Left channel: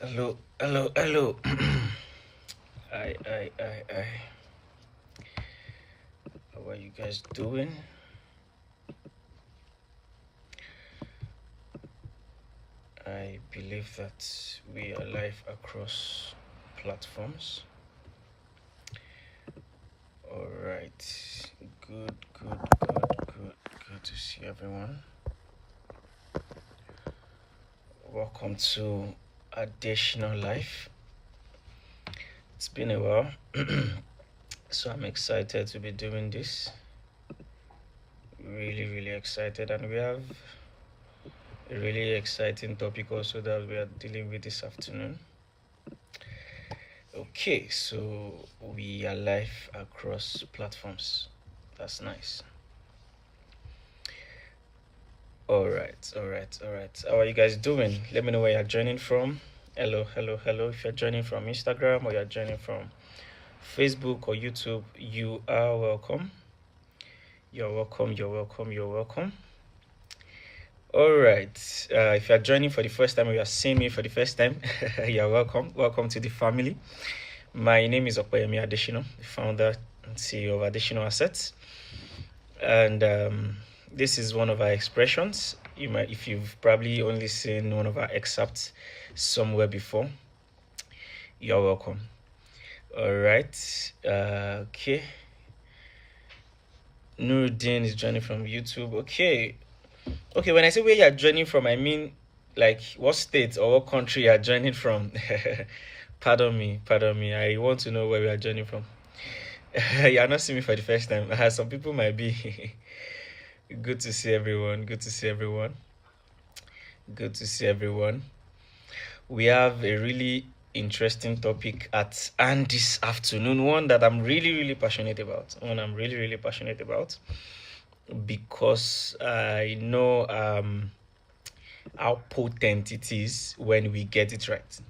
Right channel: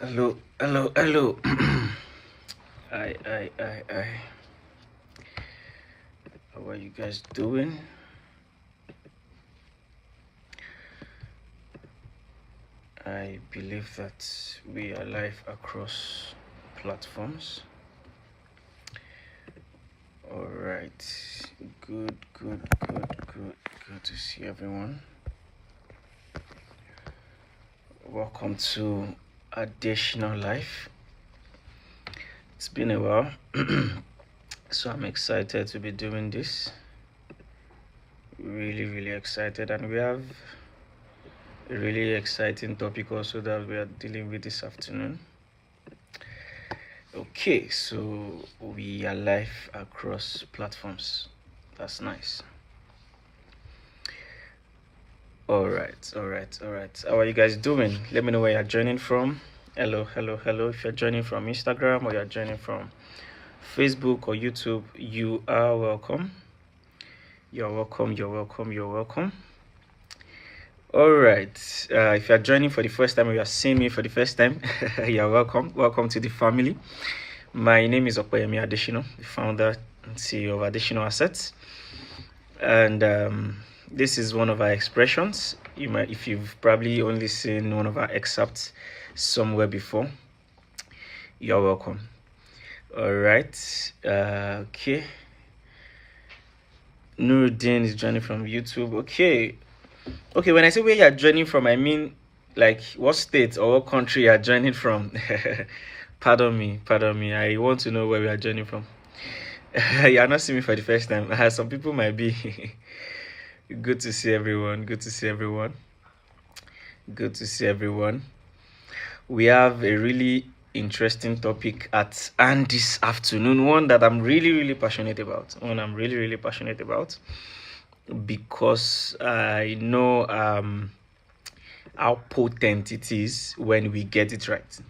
Hello. I. How are you guys doing? I believe that we are live across platforms. All right. Good to see everyone. Welcome to Adesina Life. It's been a while, so I'm excited to be doing this. Really excited, and we have a really exciting topic also that we are dealing with this afternoon. Okay, so we are live across platforms. That's nice. All right. How are you guys doing? Let me know where you're joining from. Hello. If you're joining from Instagram or you're joining from Facebook or YouTube, you are welcome. You're welcome. All right. If you're joining for the first time or you're seeing me for the first time, you're welcome. Welcome to the family. My name is Adesina, the founder and CEO of Adesina Assets. And this is one of our expressions. You might, if you've probably only seen one of our excerpts somewhere before, you're welcome. All right. Okay. Nuruddin is joining from YouTube. Okay. When I say where you're joining from, I mean like what state or what country you're joining from. Pardon me. I want to know where we are joining from. You're not seeing me for the first time. Some people might be. Good to see everyone. We have a really interesting topic at hand this afternoon, one that I'm really passionate about. Because I know how potent it is when we get it right.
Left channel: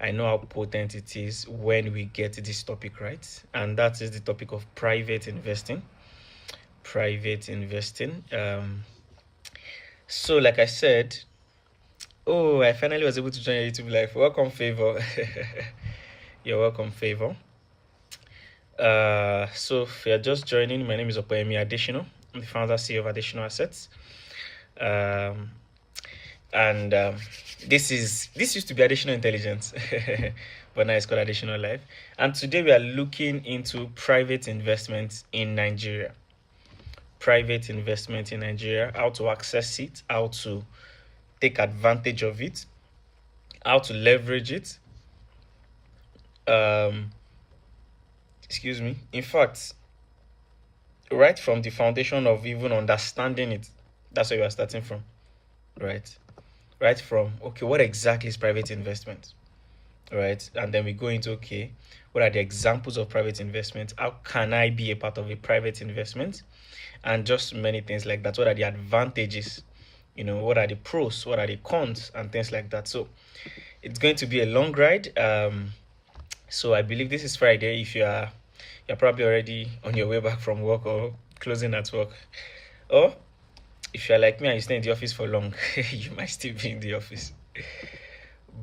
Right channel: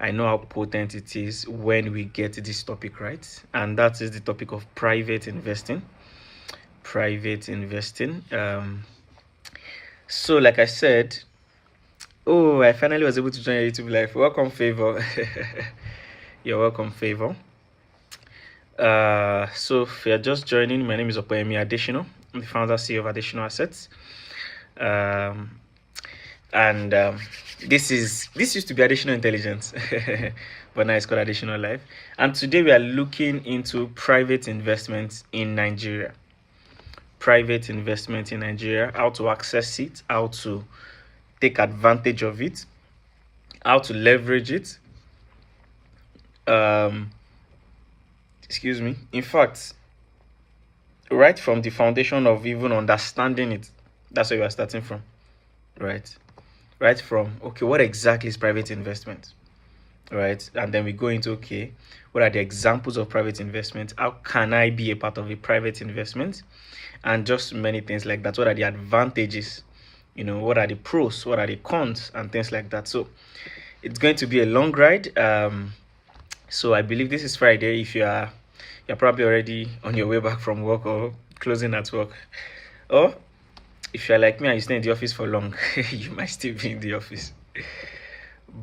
I know how potent it is when we get this topic right, and that is the topic of private investing. So like I said, I finally was able to join YouTube live. Welcome, Favor. You're welcome, Favor. So if you're just joining, my name is Adesina. I'm the founder CEO of Adesina Assets. This used to be Adesina Intelligence, but now it's called Adesina Life. And today we are looking into private investments in Nigeria. How to access it, how to take advantage of it, how to leverage it. In fact, right from the foundation of even understanding it, that's where you are starting from, right from, okay, what exactly is private investment, right? And then we go into, okay, what are the examples of private investment? How can I be a part of a private investment? And just many things like that. What are the advantages? What are the pros? What are the cons? And things like that. So it's going to be a long ride. So I believe this is Friday. If you're probably already on your way back from work or closing at work, or if you're like me and you stay in the office for long, you might still be in the office.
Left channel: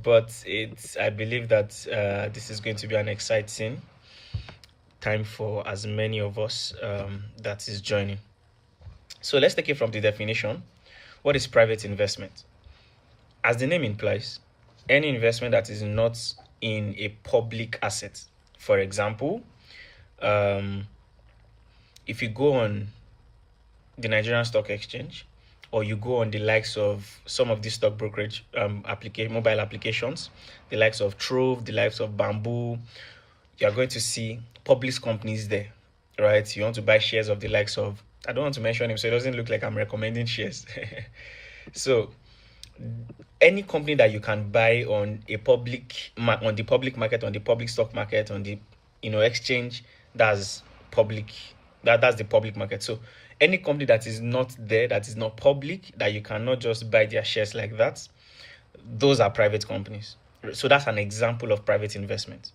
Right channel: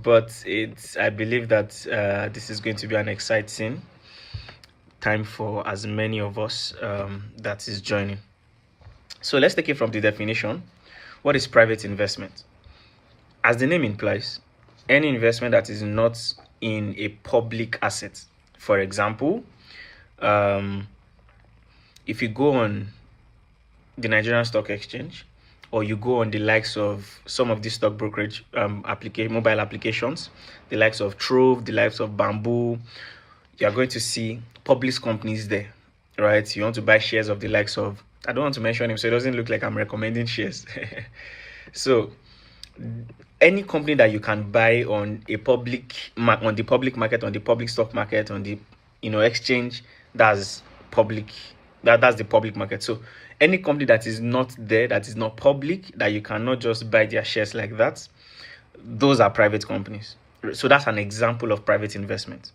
But I believe that this is going to be an exciting time for as many of us that is joining. So let's take it from the definition. What is private investment? As the name implies, any investment that is not in a public asset. For example, if you go on the Nigerian Stock Exchange, or you go on the likes of some of these stock brokerage mobile applications, the likes of Trove, the likes of Bamboo, you are going to see public companies there, right? You want to buy shares of the likes of, I don't want to mention him so it doesn't look like I'm recommending shares. So any company that you can buy on a public market, on the public stock market, on the exchange, that's public. That's the public market. So any company that is not there, that is not public, that you cannot just buy their shares like that, those are private companies. So that's an example of private investment.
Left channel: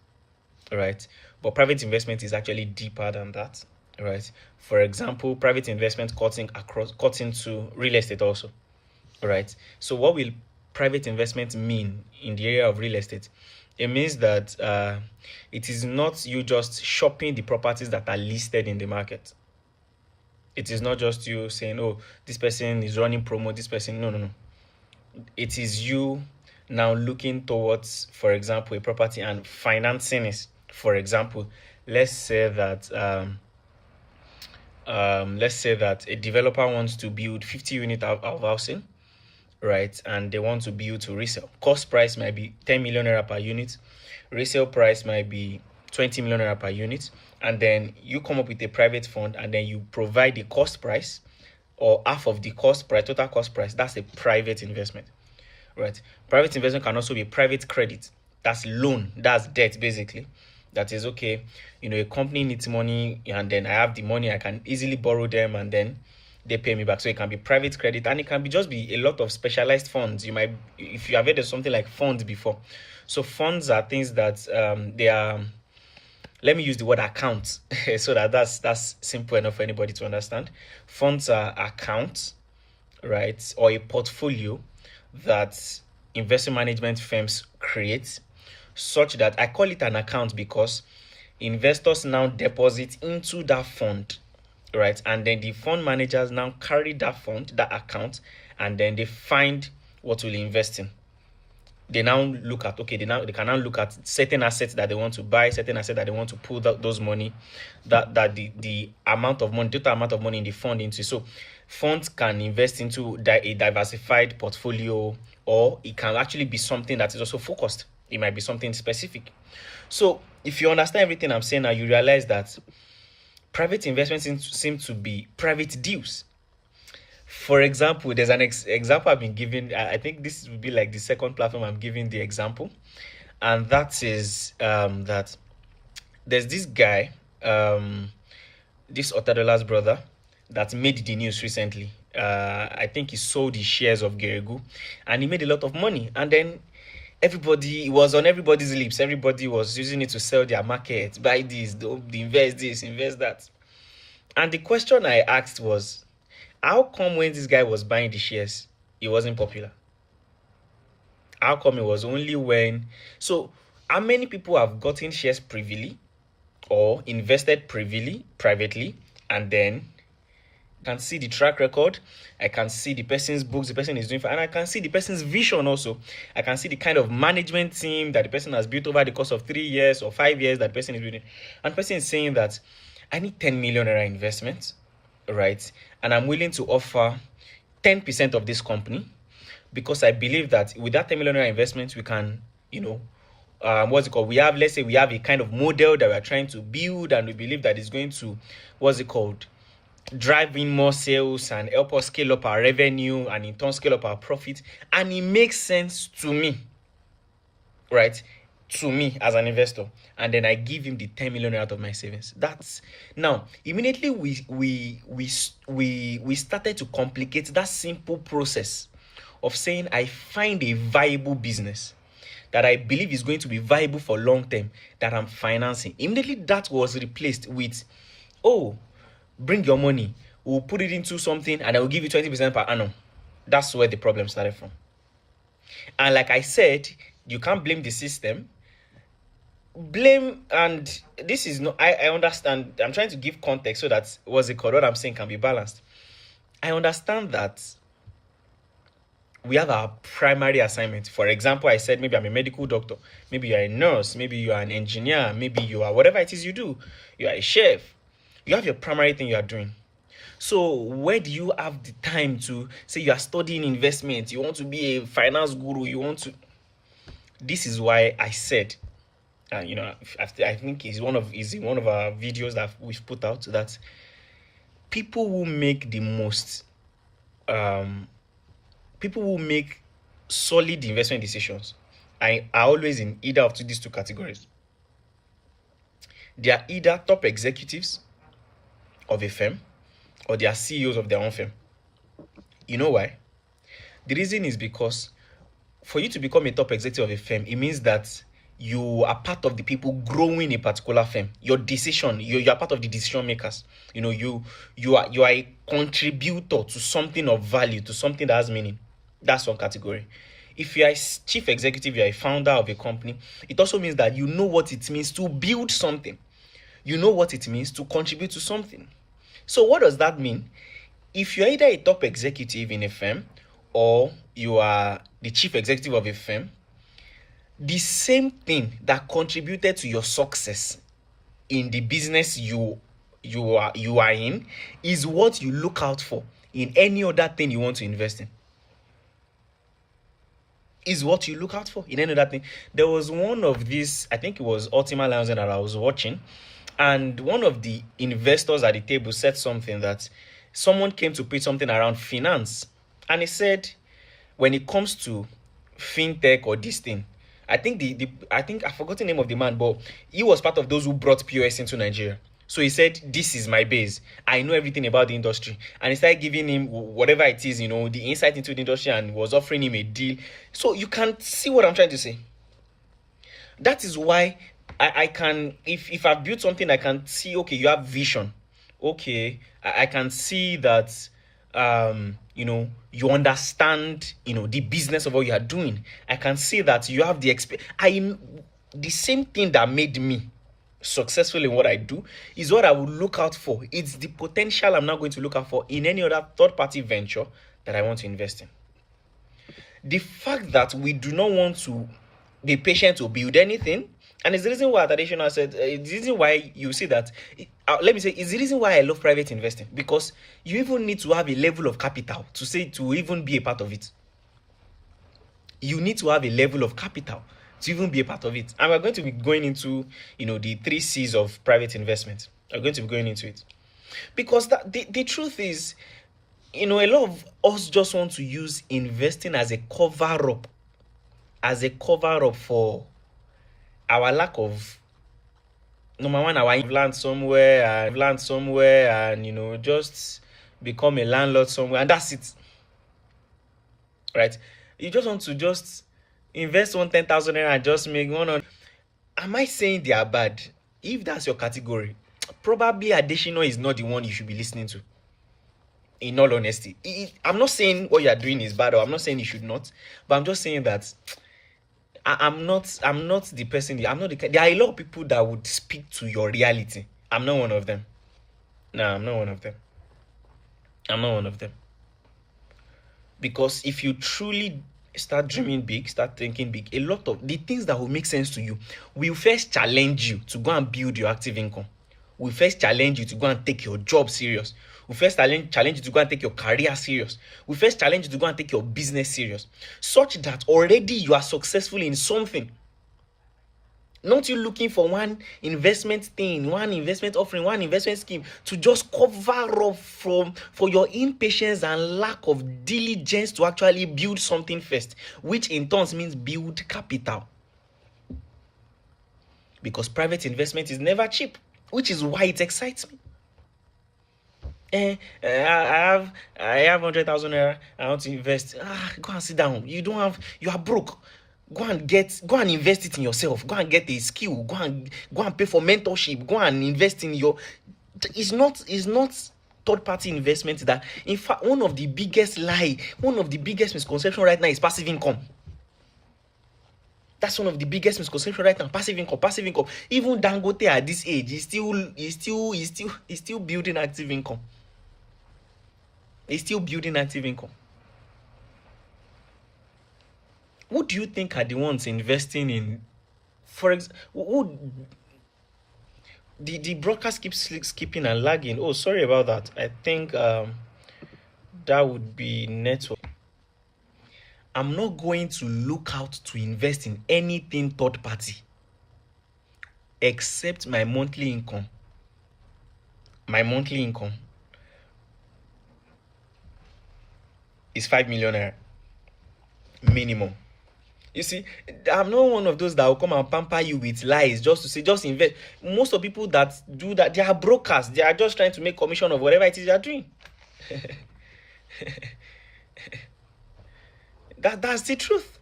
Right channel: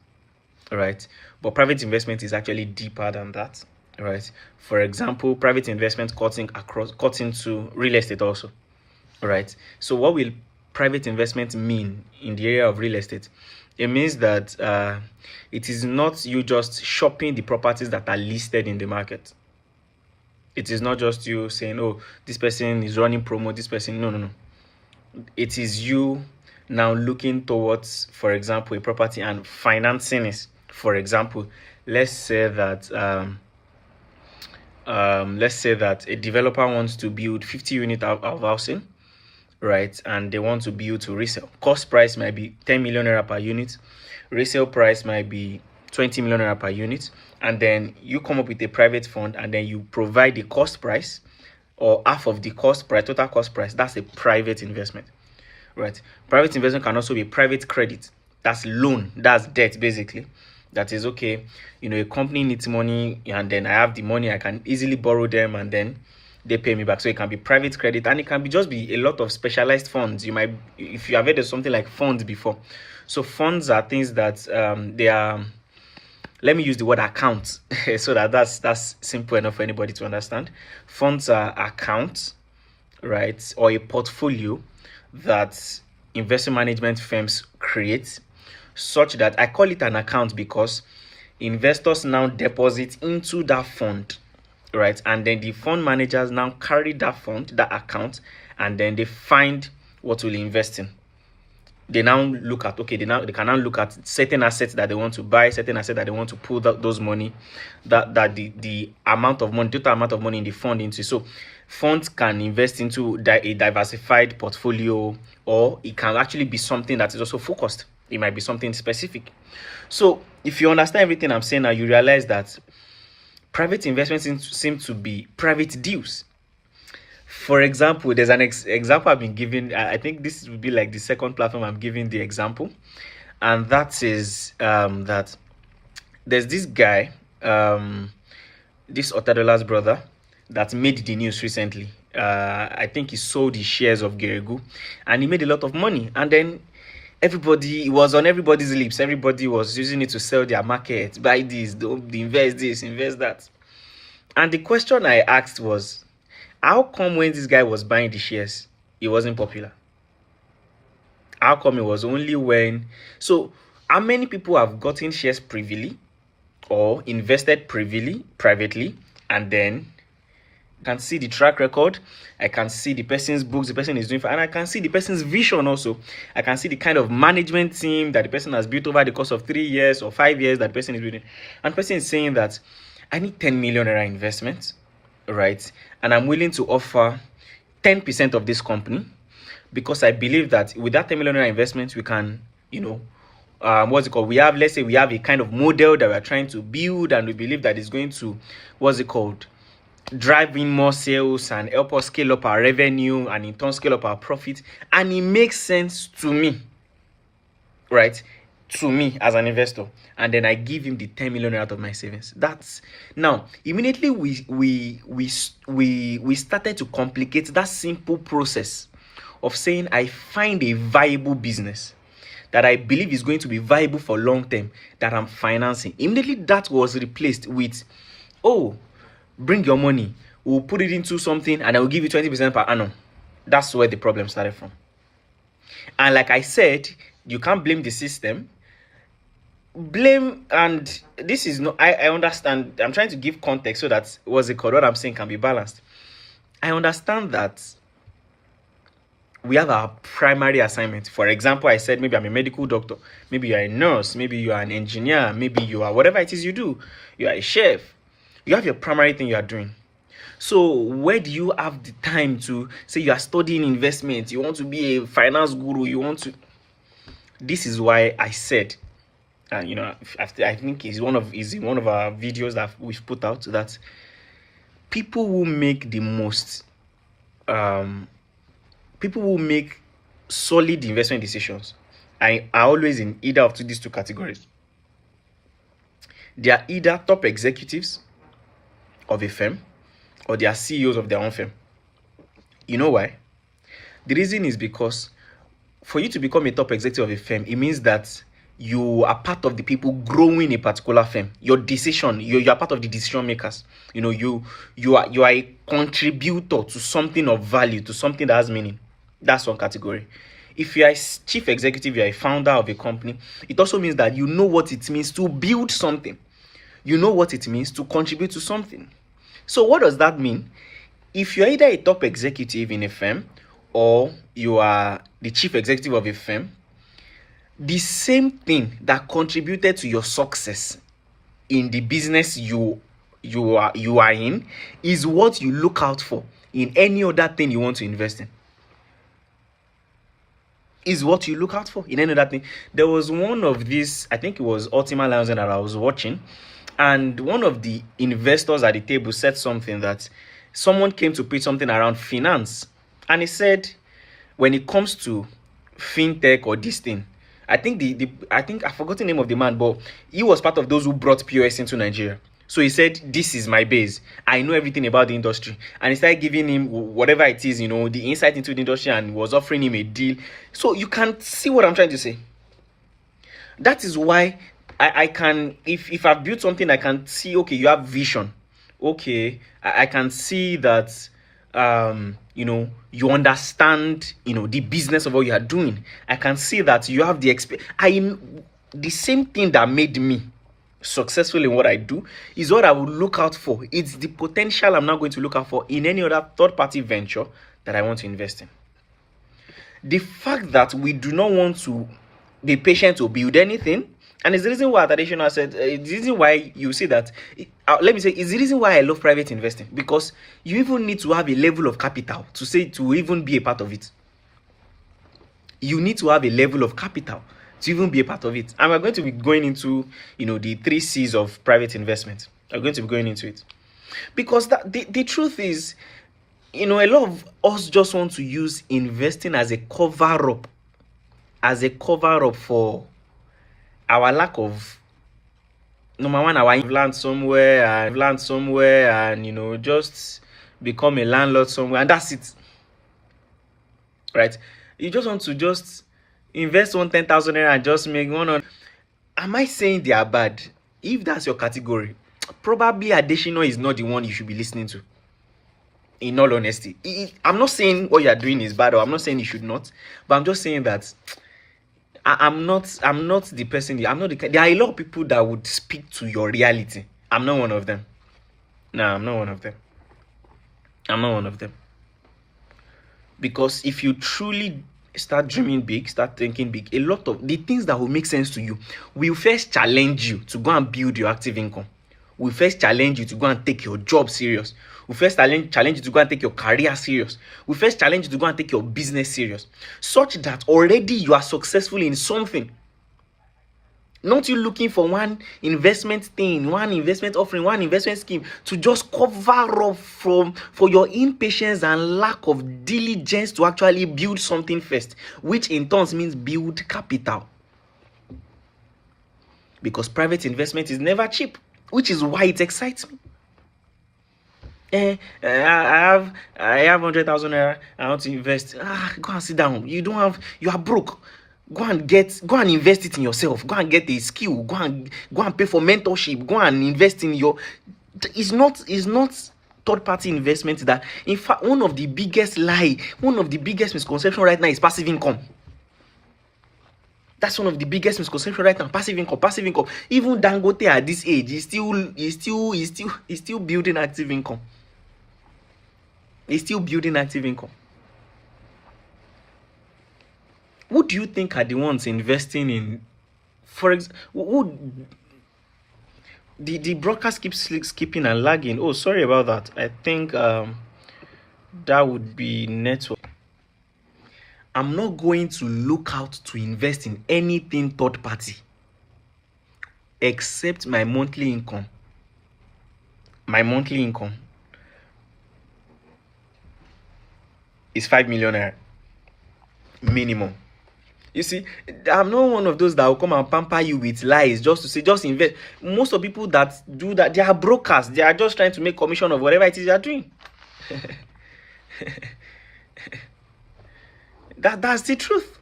Right? But private investment is actually deeper than that, right? For example, private investment cuts into real estate also, right? So what will private investment mean in the area of real estate? It means that it is not you just shopping the properties that are listed in the market. It is not just you saying, oh, this person is running promo, this person, no. It is you now looking towards, for example, a property and financing it. For example, let's say that a developer wants to build 50 units of housing, right? And they want to build to resell. Cost price might be 10 million naira per unit. Resale price might be 20 million naira per unit. And then you come up with a private fund and then you provide the cost price or half of the cost price, total cost price. That's a private investment, right? Private investment can also be private credit. That's loan, that's debt basically. That is, okay, you know, a company needs money and then I have the money, I can easily borrow them and then they pay me back. So it can be private credit and it can be just be a lot of specialized funds. You might, if you have heard of something like funds before. So funds are things that they are, let me use the word account so that's simple enough for anybody to understand. Funds are accounts, right, or a portfolio that investment management firms create, such that I call it an account because investors now deposit into that fund, right, and then the fund managers now carry that fund, that account, and then they find what will invest in. They now look at, okay, they can now look at certain assets that they want to buy, certain assets that they want to pull those money, that the amount of money, total amount of money in the fund into. So funds can invest into a diversified portfolio, or it can actually be something that is also focused. It might be something specific. So if you understand everything I'm saying now, you realize that private investments seem to be private deals. For example, there's an example I've been giving. I think this would be like the second platform I'm giving the example. And that is that there's this guy, this Otadola's brother, that made the news recently. I think he sold his shares of Geregu and he made a lot of money. And then it was on everybody's lips. Everybody was using it to sell their market, buy this, invest that. And the question I asked was, how come when this guy was buying the shares, it wasn't popular? How come it was only when... So how many people have gotten shares privily or invested privately, and then can see the track record, I can see the person's books the person is doing, and I can see the person's vision also. I can see the kind of management team that the person has built over the course of 3 years or 5 years that the person is building. And the person is saying that I need 10 million naira investment, right? And I'm willing to offer 10% of this company because I believe that with that 10 million naira investment, we can, you know, what's it called? Let's say we have a kind of model that we're trying to build, and we believe that it's going to, what's it called, drive in more sales and help us scale up our revenue and in turn scale up our profit. And it makes sense to me, right? To me as an investor. And then I give him the 10 million out of my savings. That's now immediately we started to complicate that simple process of saying I find a viable business that I believe is going to be viable for long term that I'm financing. Immediately that was replaced with, oh, bring your money, we'll put it into something and I will give you 20% per annum. That's where the problem started from. And like I said, you can't blame the system. And this is not, I understand, I'm trying to give context so that what I'm saying can be balanced. I understand that we have our primary assignment. For example, I said maybe I'm a medical doctor, maybe you're a nurse, maybe you are an engineer, maybe you are whatever it is you do, you are a chef. You have your primary thing you are doing. So where do you have the time to say you are studying investment, you want to be a finance guru, you want to... This is why I said, you know, I think is one of our videos that we've put out, that people who make the most, people who make solid investment decisions are always in either of these two categories. They are either top executives of a firm, or they are CEOs of their own firm. You know why? The reason is because for you to become a top executive of a firm, it means that you are part of the people growing a particular firm. Your decision, you are part of the decision makers. You know, you are a contributor to something of value, to something that has meaning. That's one category. if you are a chief executive, you are a founder of a company, it also means that you know what it means to build something. You know what it means to contribute to something. So what does that mean? If you're either a top executive in a firm or you are the chief executive of a firm, the same thing that contributed to your success in the business you are in is what you look out for in any other thing you want to invest in. Is what you look out for in any other thing. There was one of these, I think it was Ultima Lounge that I was watching, and one of the investors at the table said something that someone came to pitch something around finance, and he said, when it comes to fintech or this thing, I think I forgot the name of the man, but he was part of those who brought POS into Nigeria. So he said, this is my base. I know everything about the industry. And he started giving him whatever it is, the insight into the industry, and was offering him a deal. So you can see what I'm trying to say. That is why I can, if I've built something, I can see, okay, you have vision. Okay, I can see that, you understand, the business of what you are doing. I can see that you have the the same thing that made me successful in what I do is what I will look out for. It's the potential I'm not going to look out for in any other third-party venture that I want to invest in. The fact that we do not want to be patient to build anything, and it's the reason why Adesina said, it's the reason why you see that, it's the reason why I love private investing, because you even need to have a level of capital to even be a part of it. You need to have a level of capital to even be a part of it. And we're going to be going into, the 3 C's of private investment. We're going to be going into it. Because the truth is, a lot of us just want to use investing as a cover-up. As a cover-up for our lack of, number one, I've learned somewhere and, just become a landlord somewhere. And that's it. Right? You just want to just invest 10,000 naira and just make one on. Am I saying they are bad? If that's your category, probably Adesina is not the one you should be listening to. In all honesty, I'm not saying what you are doing is bad, or I'm not saying you should not, but I'm just saying that I'm not the person. There are a lot of people that would speak to your reality. I'm not one of them. No, I'm not one of them. I'm not one of them. Because if you truly start dreaming big, start thinking big, a lot of the things that will make sense to you will first challenge you to go and build your active income. Will first challenge you to go and take your job serious. Will first challenge you to go and take your career serious. Will first challenge you to go and take your business serious. Such that already you are successful in something. Not you looking for one investment thing, one investment offering, one investment scheme to just cover up for your impatience and lack of diligence to actually build something first, which in turn means build capital. Because private investment is never cheap, which is why it excites me. I have 100,000 naira. I want to invest. Go and sit down. You are broke. Go and invest it in yourself. Go and get a skill. Go and pay for mentorship. Go and invest in your. It's not third-party investment. That, in fact, one of the biggest misconceptions right now is passive income. That's one of the biggest misconceptions right now. Passive income. Even Dangote at this age is still building active income. He's still building active income. Who do you think are the ones investing in, for example, the broadcast keeps skipping and lagging? Oh, sorry about that. I think that would be network. I'm not going to look out to invest in anything third party except my monthly income. My monthly income is 5 million naira minimum. You see, I'm not one of those that will come and pamper you with lies just to say, just invest. Most of people that do that, they are brokers. They are just trying to make commission of whatever it is they are doing. That's the truth.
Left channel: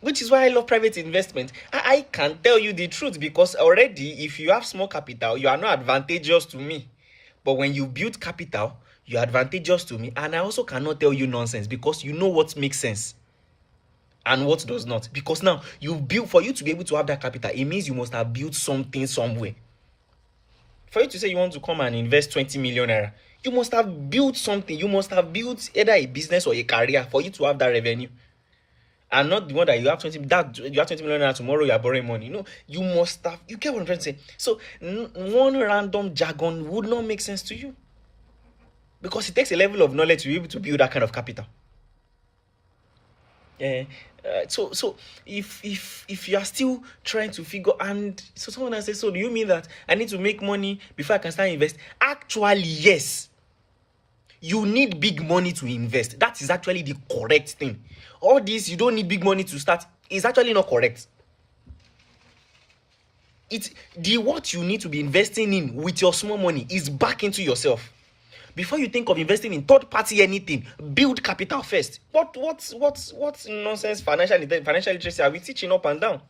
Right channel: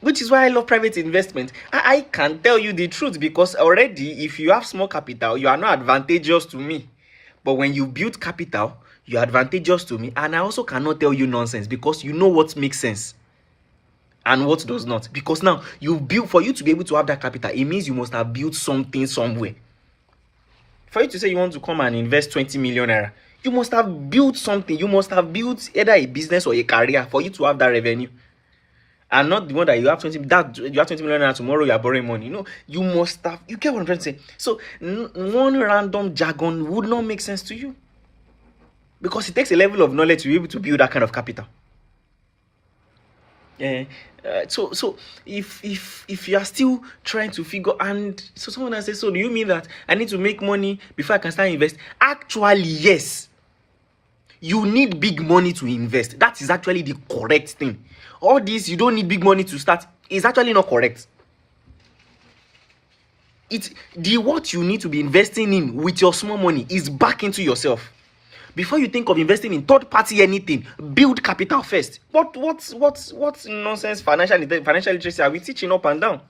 Which is why I love private investment. I can tell you the truth, because already, if you have small capital, you are not advantageous to me. But when you build capital, you're advantageous to me. And I also cannot tell you nonsense, because you know what makes sense. and what does not. Because now you've built, for you to be able to have that capital, it means you must have built something somewhere. For you to say you want to come and invest 20 million naira, you must have built something. You must have built either a business or a career for you to have that revenue. And not the one that you have 20 million naira, tomorrow you are borrowing money. No, you must have, you get what I'm trying to say. So one random jargon would not make sense to you, because it takes a level of knowledge to be able to build that kind of capital. So if you are still trying to figure, and so someone has said, so do you mean that I need to make money before I can start invest? Actually, yes. You need big money to invest. That is actually the correct thing. All this, you don't need big money to start, is actually not correct. What you need to be investing in with your small money is back into yourself. Before you think of investing in third party anything, build capital first. What nonsense financial literacy are we teaching up and down?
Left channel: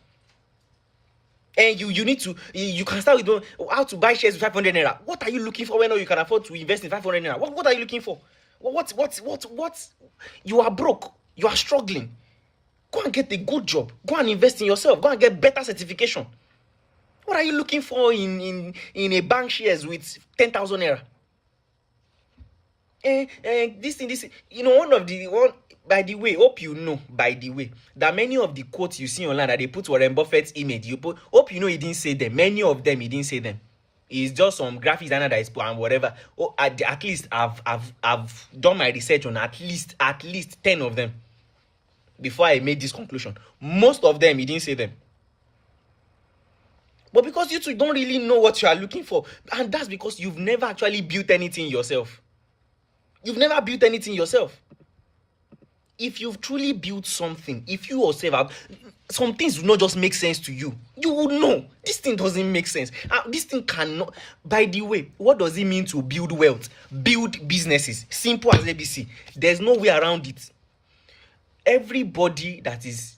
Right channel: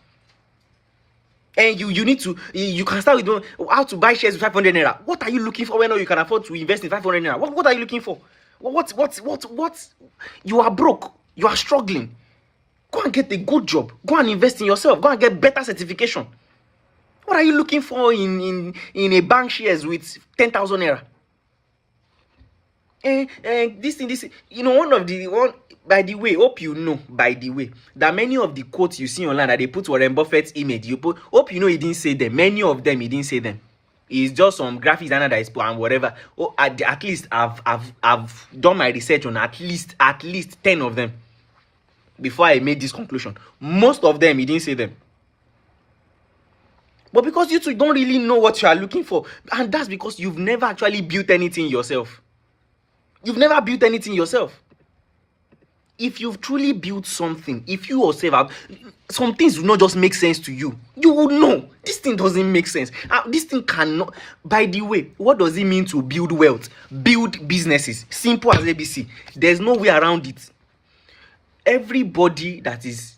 And you need to, you can start with how to buy shares with 500 naira. What are you looking for when you can afford to invest in 500 naira? What are you looking for? What? You are broke. You are struggling. Go and get a good job. Go and invest in yourself. Go and get better certification. What are you looking for in a bank shares with 10,000 naira? This thing, by the way, hope you know, that many of the quotes you see online that they put Warren Buffett's image, hope you know he didn't say them. Many of them, he didn't say them. It's just some graphic designer that is put and whatever. At least I've done my research on at least 10 of them before I made this conclusion. Most of them, he didn't say them. But because you two don't really know what you are looking for, and that's because you've never actually built anything yourself. You've never built anything yourself. If you've truly built something, if you yourself have, some things do not just make sense to you. You will know this thing doesn't make sense. This thing cannot. By the way, what does it mean to build wealth? Build businesses. Simple as ABC. There's no way around it. Everybody that is,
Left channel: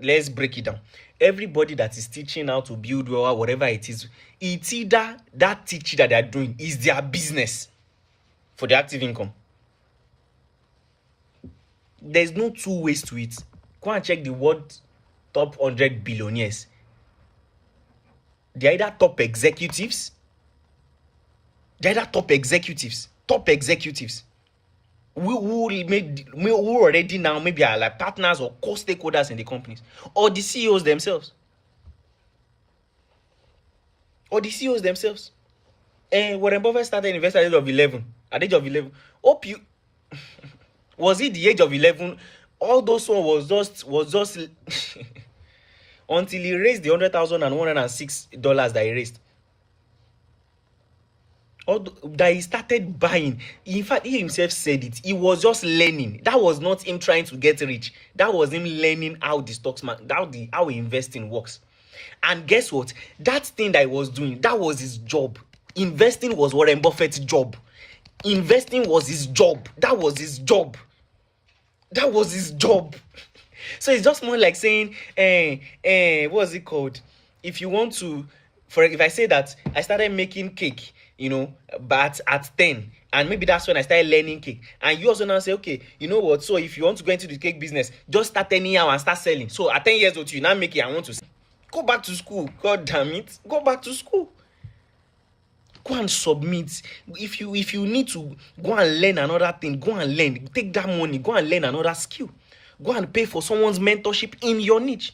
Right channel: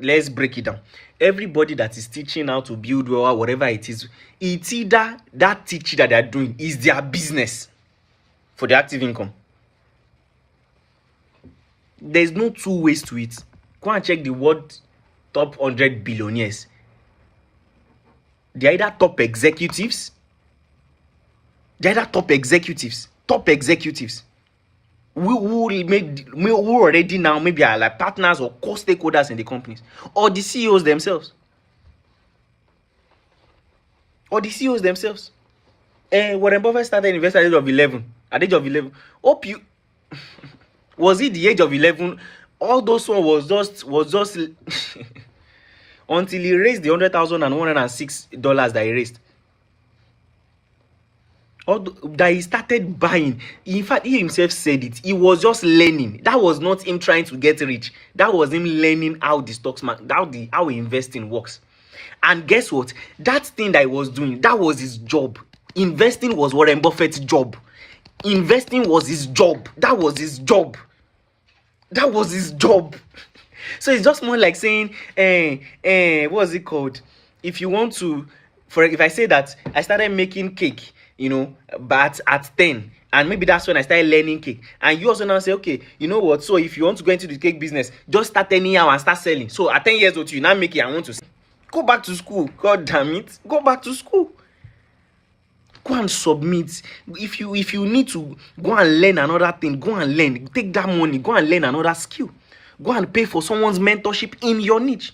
let's break it down. Everybody that is teaching how to build wealth or whatever it is, it's either that teaching that they're doing is their business for the active income. There's no two ways to it. Go and check the world top 100 billionaires. They're either top executives. Top executives. Who already now maybe are like partners or co-stakeholders in the companies, or the CEOs themselves. Warren Buffett started investing at the age of 11. At the age of 11, hope you was it the age of 11? All those one was just until he raised the $100,106 that he raised. That he started buying. In fact, he himself said it. He was just learning. That was not him trying to get rich. That was him learning how the stocks market, how investing works. And guess what? That thing that he was doing, that was his job. Investing was Warren Buffett's job. Investing was his job. That was his job. So it's just more like saying, what's it called? If you want to, if I say that I started making cake, but at 10, and maybe that's when I started learning cake, and you also now say, okay, you know what? So if you want to go into the cake business, just start anyhow and start selling. So at 10 years old, you now make it. I want to go back to school. God damn it, go back to school. Go and submit. If you need to go and learn another thing, go and learn. Take that money, go and learn another skill. Go and pay for someone's mentorship in your niche.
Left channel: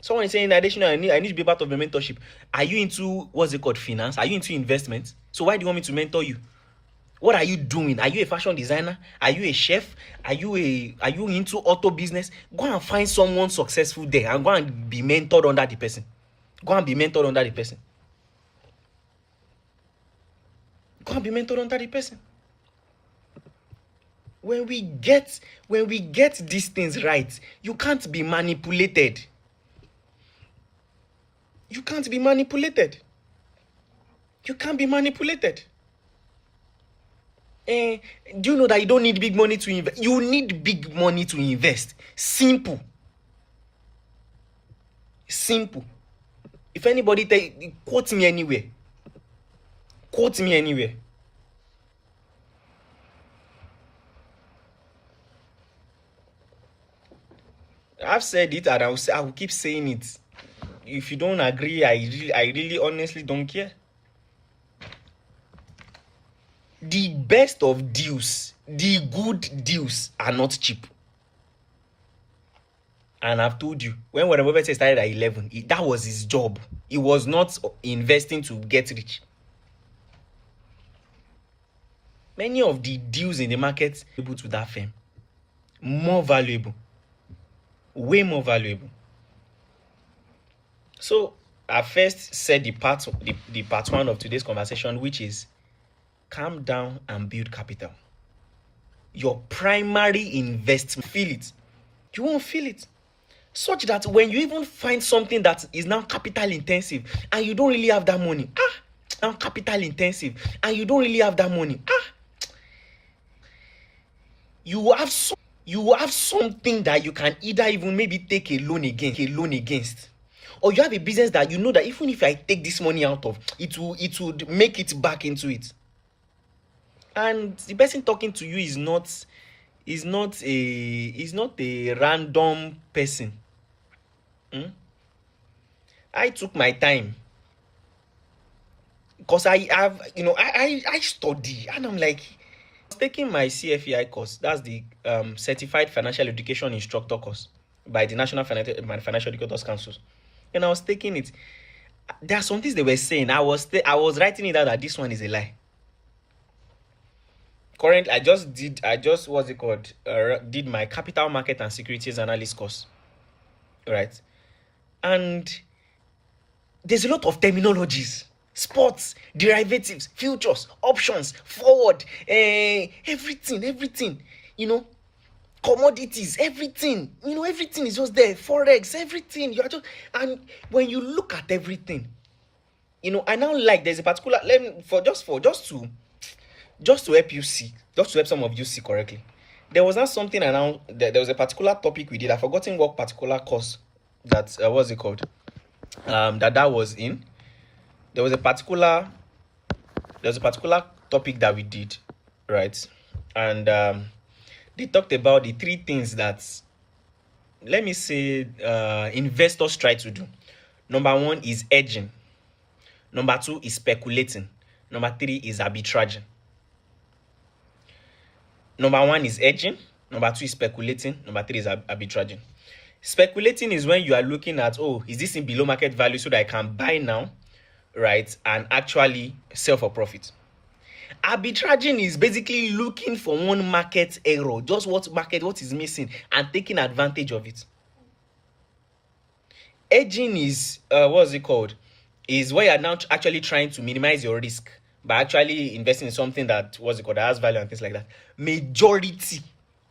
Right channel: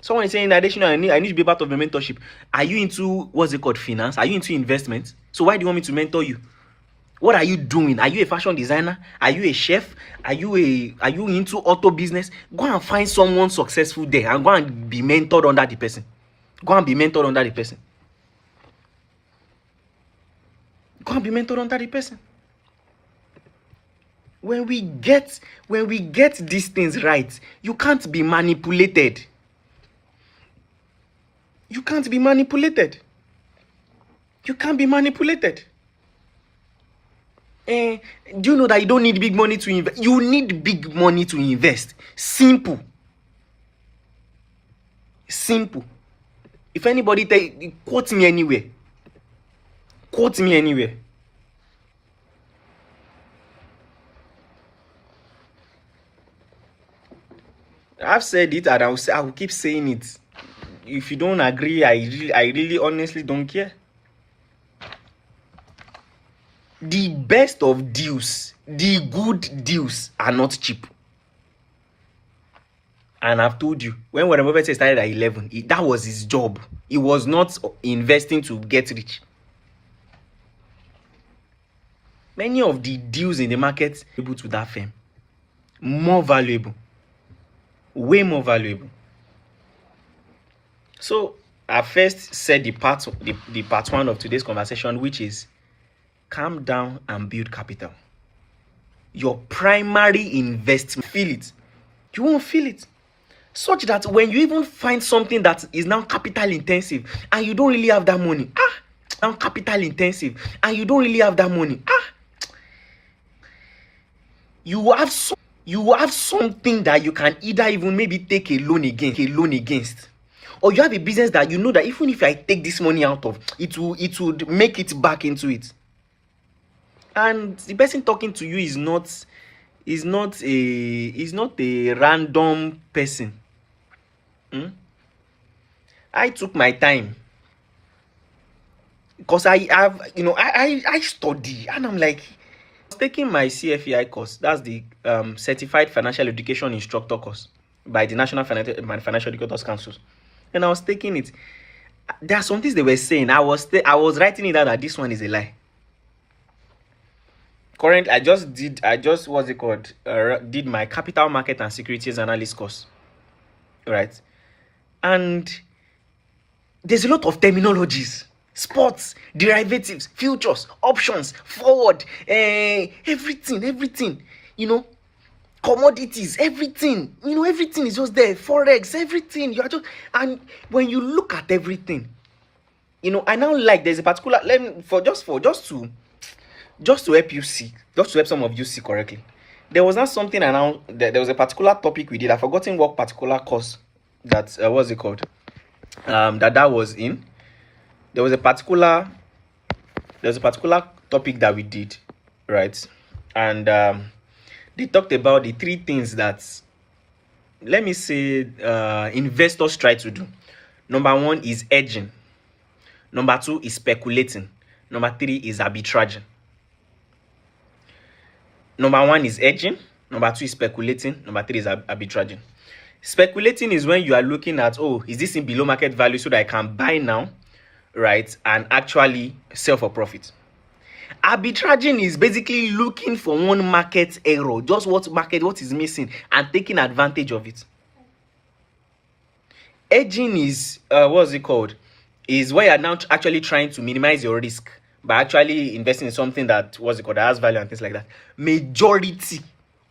Someone is saying, additional, I need to be part of the mentorship. Are you into, finance? Are you into investment? So why do you want me to mentor you? What are you doing? Are you a fashion designer? Are you a chef? Are you into auto business? Go and find someone successful there and go and be mentored under the person. When we get these things right, you can't be manipulated. You can't be manipulated. Do you know that you don't need big money to invest? You need big money to invest. Simple. If anybody quote me anywhere. I've said it and I will keep saying it. If you don't agree, I really honestly don't care. The best of deals, the good deals are not cheap. And I've told you, when Warren Buffett started at 11, that was his job. He was not investing to get rich. Many of the deals in the market able to that firm, more valuable, way more valuable. So I first said the part one of today's conversation, which is calm down and build capital. Your primary investment, feel it. You won't feel it. Such that when you even find something that is now capital intensive and you don't really have that money, now capital intensive and you don't really have that money, you have something that you can either even maybe take a loan against, or you have a business that you know that even if I take this money out of it, would make it back into it. And the person talking to you is not a random person. I took my time because I study, and I'm like, I was taking my CFEI course. That's the Certified Financial Education Instructor course by the National Financial Educators Council, and I was taking it. There are some things they were saying. I was writing it down that this one is a lie. Currently, I just did my capital market and securities analyst course, right? And there's a lot of terminologies, sports, derivatives, futures, options, forward, everything, commodities, everything, everything is just there, forex, everything. And when you look at everything, I now there's a particular, just to help you see, just to help some of you see correctly. There was not something around, there was a particular topic we did. I've forgotten what particular course that, what's it called? That was in. There was a particular topic that we did, right? And they talked about the three things that, let me say, investors try to do. Number one is hedging. Number two is speculating. Number three is arbitraging. Number one is hedging. Number two is speculating. Number three is arbitraging. Speculating is when you are looking at, is this in below market value so that I can buy now, right, and actually sell for profit. Arbitraging is basically looking for one market error, just what is missing, and taking advantage of it. Hedging is, is where you're now actually trying to minimize your risk by actually investing in something that, that has value and things like that. Majority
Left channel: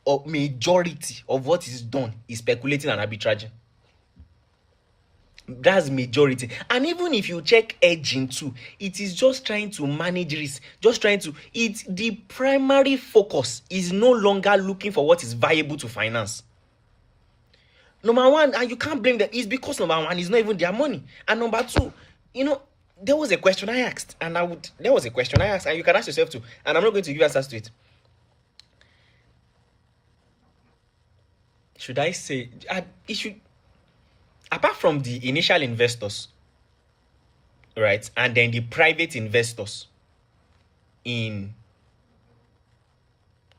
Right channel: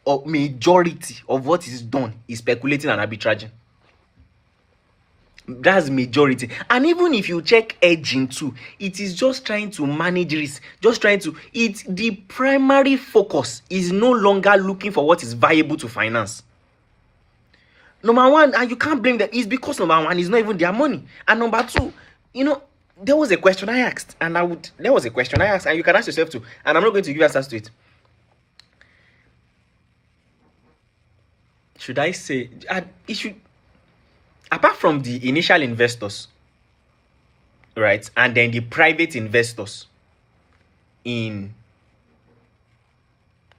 of what is done is speculating and arbitraging. That's majority. And even if you check hedging too, it is just trying to manage risk, the primary focus is no longer looking for what is viable to finance. Number one, and you can't blame them, is because number one is not even their money, and number two, there was a question I asked, and you can ask yourself too, and I'm not going to give answers to it. Should I say, apart from the initial investors, right, and then the private investors in,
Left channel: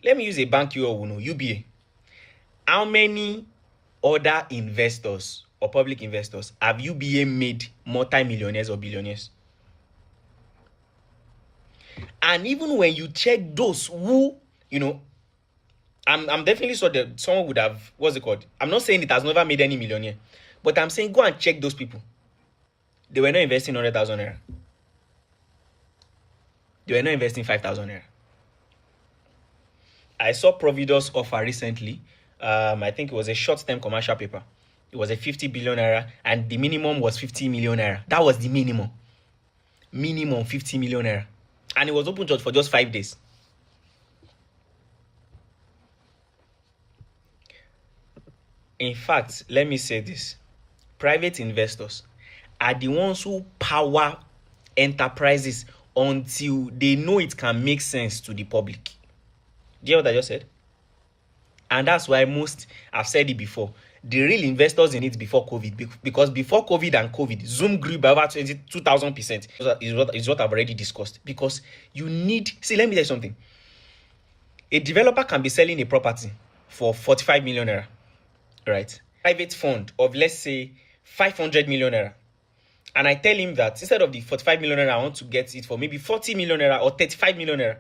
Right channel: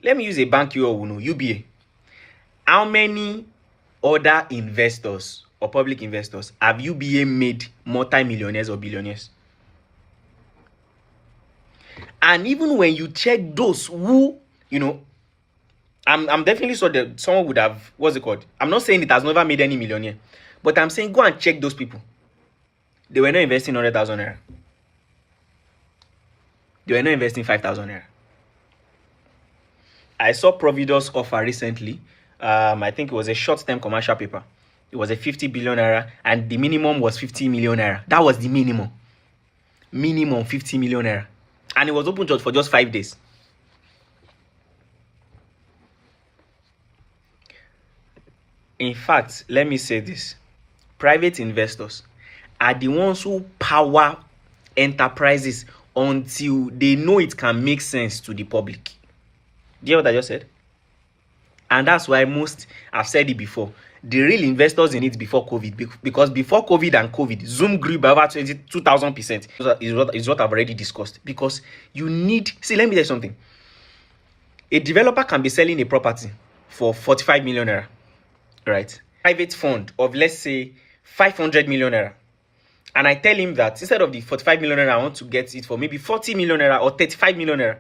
let me use a bank you all know, UBA. How many other investors or public investors have UBA made multi-millionaires or billionaires? And even when you check those who, I'm definitely sure that someone would have, I'm not saying it has never made any millionaire, but I'm saying go and check those people. They were not investing 100,000 naira. They were not investing 5,000 naira. I saw Providus offer recently. I think it was a short-term commercial paper. It was a 50 billion naira, and the minimum was 50 million naira. That was the minimum. Minimum 50 million naira. And it was open for just 5 days. In fact, let me say this. Private investors are the ones who power enterprises until they know it can make sense to the public. Do you hear what I just said? And that's why I've said it before, the real investors in it before COVID, because before COVID and COVID, Zoom grew by over 2,000%. Is what I've already discussed. Because you need, see, let me tell you something. A developer can be selling a property for 45 million naira, right? Private fund of, let's say, 500 million naira. And I tell him that instead of the 45 million naira, I want to get it for maybe 40 million naira or 35 million naira.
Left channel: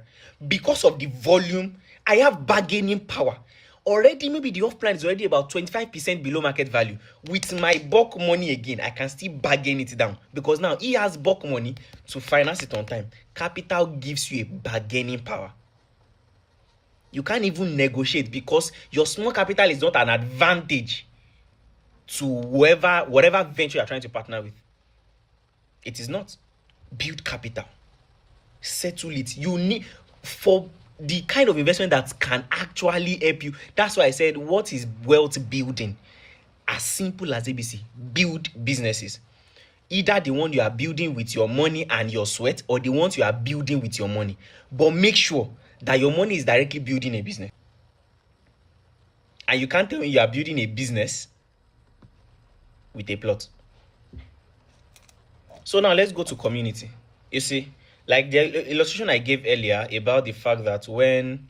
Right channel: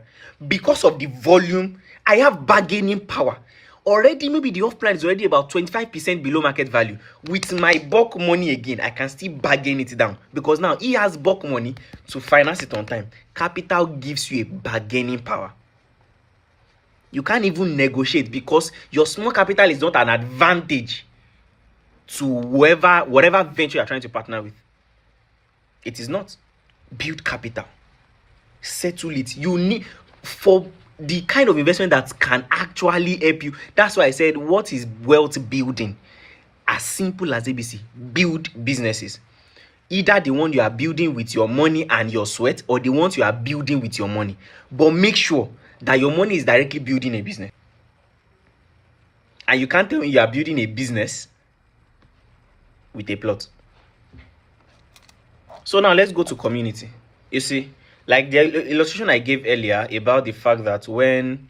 Because of the volume, I have bargaining power. Already, maybe the off plan is already about 25% below market value. With my bulk money again, I can still bargain it down. Because now he has bulk money to finance it on time. Capital gives you a bargaining power. You can't even negotiate because your small capital is not an advantage to whatever venture you're trying to partner with. It is not. Build capital. Settle it. You need, for the kind of investment that can actually help you. That's why I said, what is wealth building? As simple as ABC. Build businesses. Either the one you are building with your money and your sweat, or the ones you are building with your money. But make sure that your money is directly building a business. And you can't tell me you are building a business with a plot. So now let's go to community. You see, like the illustration I gave earlier about the fact that when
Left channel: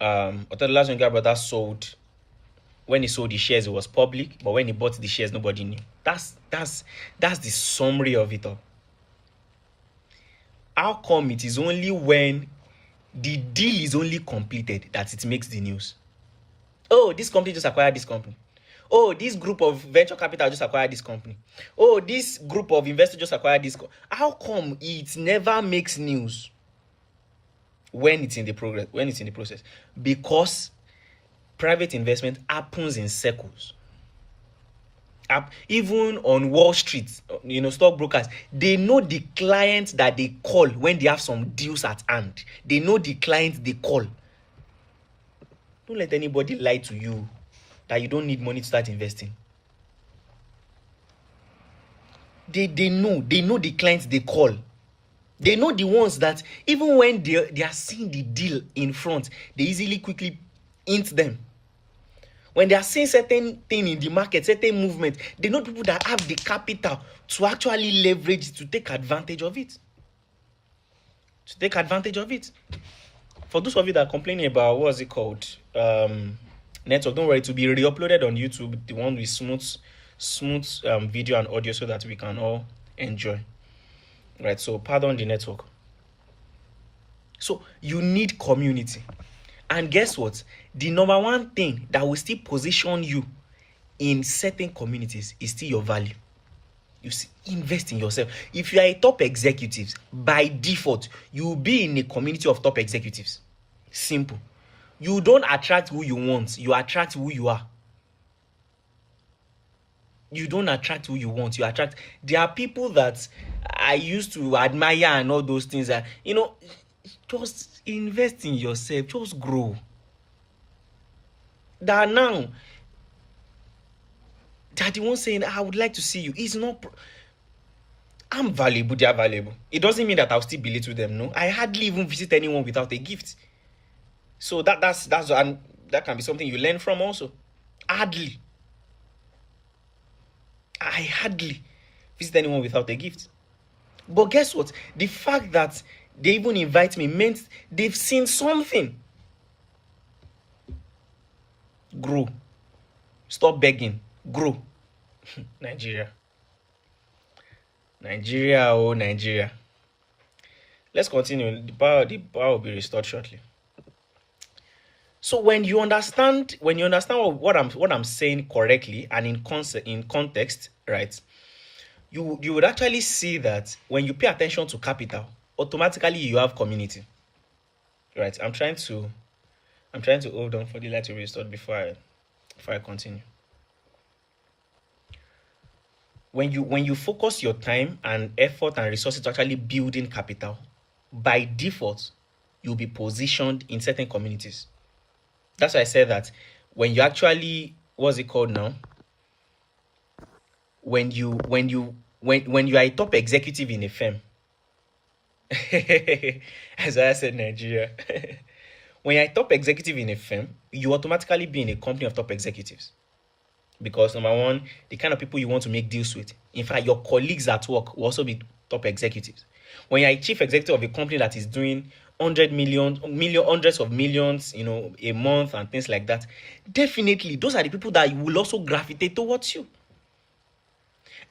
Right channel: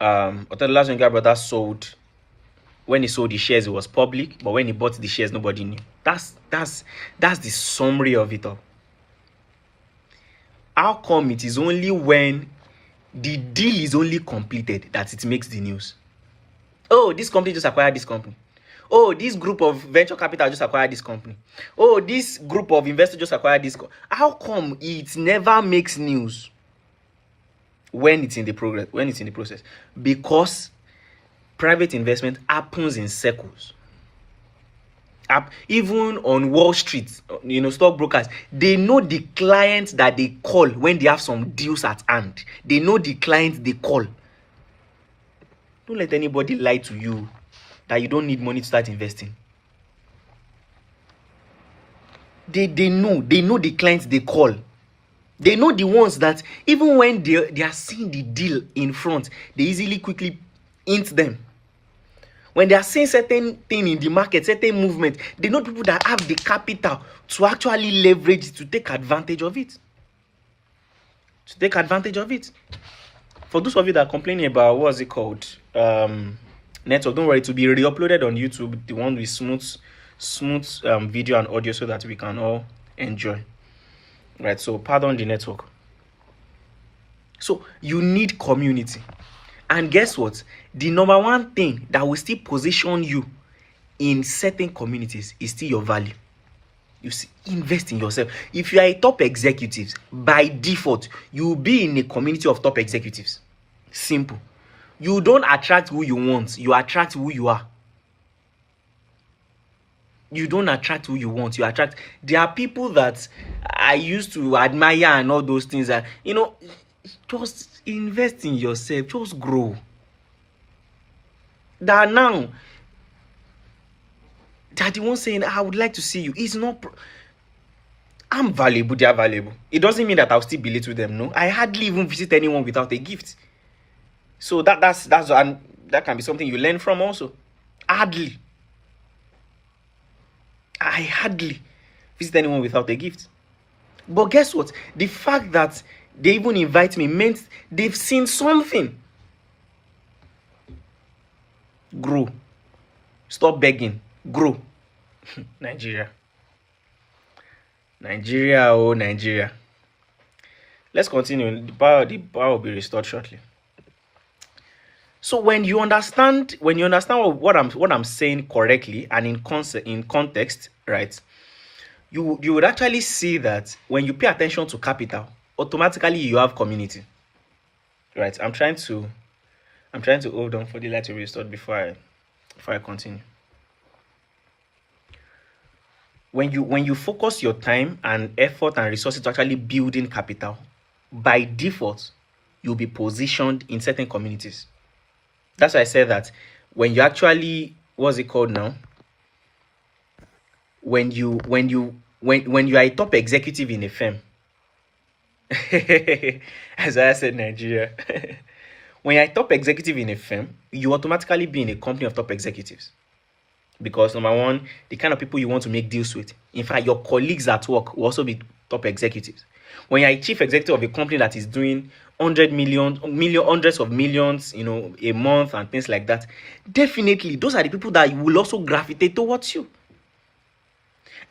Otedola's younger brother sold, when he sold the shares, it was public, but when he bought the shares, nobody knew. That's the summary of it all. How come it is only when the deal is only completed that it makes the news? Oh, this company just acquired this company. Oh, this group of venture capital just acquired this company. Oh, this group of investors just acquired this. How come it never makes news when it's in the progress? When it's in the process? Because private investment happens in circles. Even on Wall Street, stockbrokers, they know the clients that they call when they have some deals at hand. They know the clients they call. Don't let anybody lie to you that you don't need money to start investing. They know the clients they call. They know the ones that even when they are seeing the deal in front, they easily quickly hint them. When they are seeing certain thing in the market, certain movement, they know people that have the capital to actually leverage it, to take advantage of it. To take advantage of it. For those of you that are complaining about, what's it called? Network, don't worry, to be re-uploaded on YouTube, the one with smooth video and audio so that we can all enjoy. Right, so pardon the network. So you need community. And guess what? The number one thing that will still position you in certain communities is still your value. You see, invest in yourself. If you are a top executive, by default, you will be in a community of top executives. Simple. You don't attract who you want. You attract who you are. You don't attract who you want. You attract. There are people that I used to admire and all those things. That, just invest in yourself. Just grow. That now, that the one saying, I would like to see you. It's not. I'm valuable. They are valuable. It doesn't mean that I'll still belittle them. No, I hardly even visit anyone without a gift. So that can be something you learn from also. I hardly visit anyone without a gift. But guess what? The fact that they even invite me meant they've seen something. Grow. Stop begging. Grow. Nigeria. Oh, Nigeria. Let's continue. The power will be restored shortly. So when you understand what I'm saying correctly and in context, right, you would actually see that when you pay attention to capital, automatically you have community. Right. I'm trying to hold on for the light to be restored before I continue. When you focus your time and effort and resources to actually building capital, by default, you'll be positioned in certain communities. That's why I said that when you actually, what's it called now? When you are a top executive in a firm, as I said, Nigeria. When you're a top executive in a firm, you automatically be in a company of top executives. Because number one, the kind of people you want to make deals with. In fact, your colleagues at work will also be top executives. When you're a chief executive of a company that is doing hundreds of millions, a month and things like that, definitely those are the people that will also gravitate towards you.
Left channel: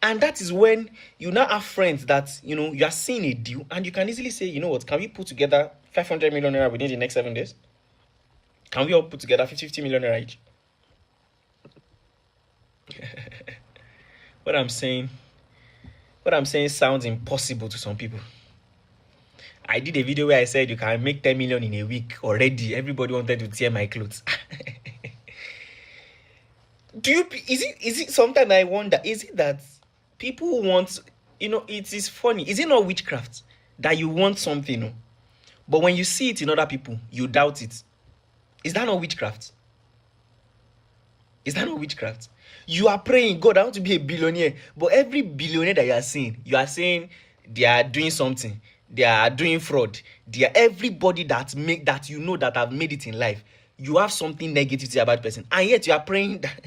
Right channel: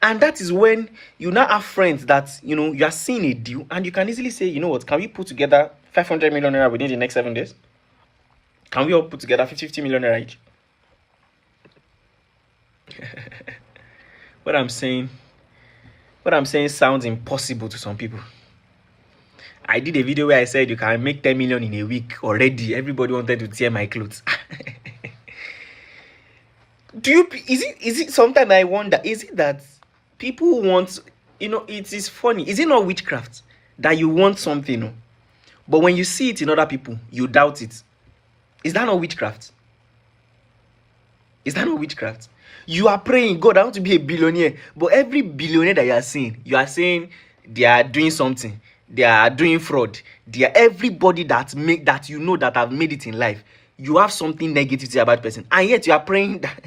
And that is when you now have friends that, you are seeing a deal and you can easily say, you know what, can we put together 500 million naira within the next 7 days? Can we all put together 50 million naira each? What I'm saying sounds impossible to some people. I did a video where I said you can make 10 million in a week already. Everybody wanted to tear my clothes. Is it sometimes I wonder, is it that people want, it is funny. Is it not witchcraft that you want something, but when you see it in other people, you doubt it? Is that not witchcraft? Is that not witchcraft? You are praying, God, I want to be a billionaire. But every billionaire that you are saying they are doing something. They are doing fraud. They are everybody that have made it in life. You have something negative to say about the person. And yet you are praying that.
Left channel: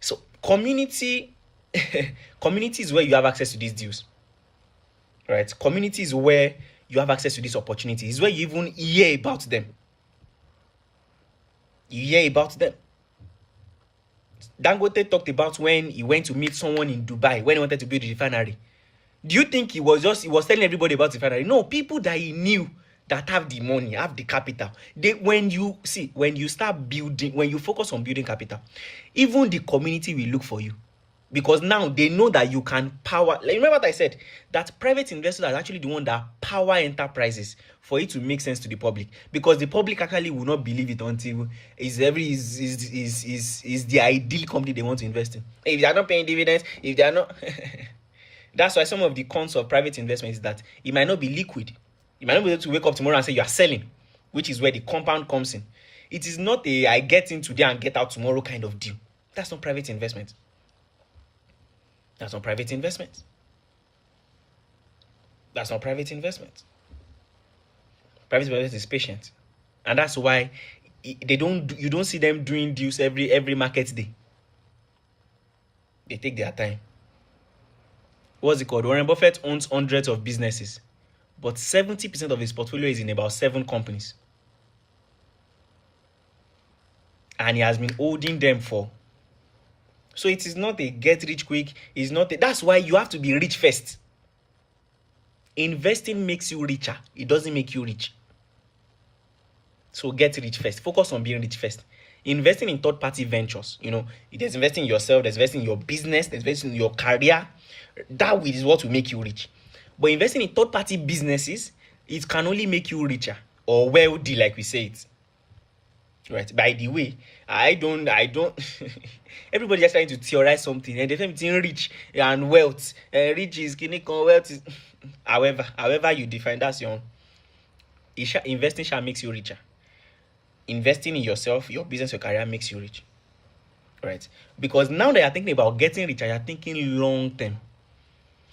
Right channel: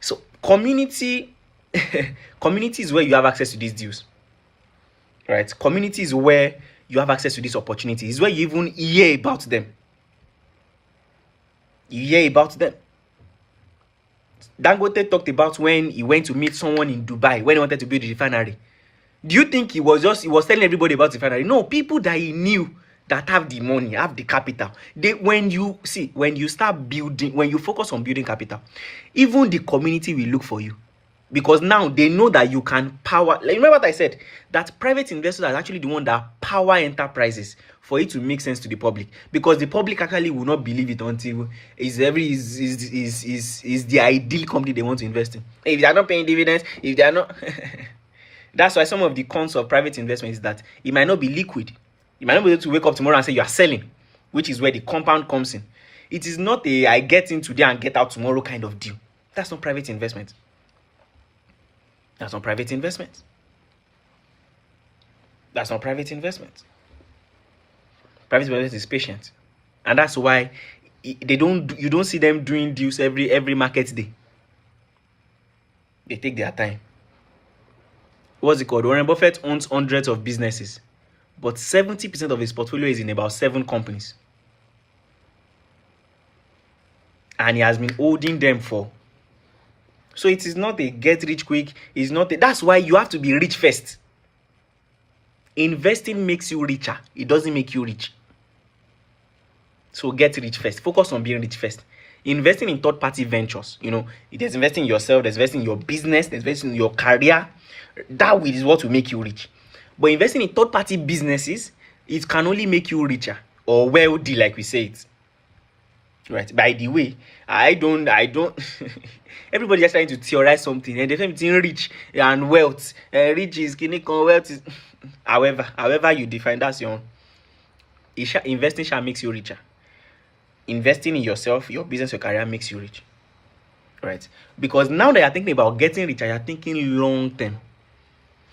So community is where you have access to these deals. Right? Community is where you have access to this opportunity. It's where you even hear about them. You hear about them. Dangote talked about when he went to meet someone in Dubai when he wanted to build a refinery. Do you think he was telling everybody about the refinery? No, people that he knew that have the money, have the capital. When you start building, when you focus on building capital, even the community will look for you. Because now they know that you can power. Remember what I said? That private investors are actually the one that power enterprises for it to make sense to the public. Because the public actually will not believe it until is the ideal company they want to invest in. If they are not paying dividends, if they are not that's why some of the cons of private investment is that it might not be liquid. You might not be able to wake up tomorrow and say you are selling, which is where the compound comes in. It is not a I get in today and get out tomorrow kind of deal. That's not private investment. That's not private investment. That's not private investment. Private investment is patient. And that's why you don't see them doing deals every market day. They take their time. What's it called? Warren Buffett owns hundreds of businesses, but 70% of his portfolio is in about 7 companies. And he has been holding them for. So it is not a get rich quick. It's not that's why you have to be rich first. Investing makes you richer. It doesn't make you rich. So get rich first. Focus on being rich first. Investing in third-party ventures, there's investing in yourself, there's investing in your business, there's investing in your career. That is what will make you rich. But investing in third-party businesses, it can only make you richer or wealthy, like we say it. Right? By the way, I don't. Everybody is trying to theorize something, and they're between rich and wealth. Rich is clinical, wealth is. However you define, that's your own. Investing shall makes you richer. Investing in yourself, your business, your career makes you rich. Right? Because now that you're thinking about getting richer, you're thinking long term.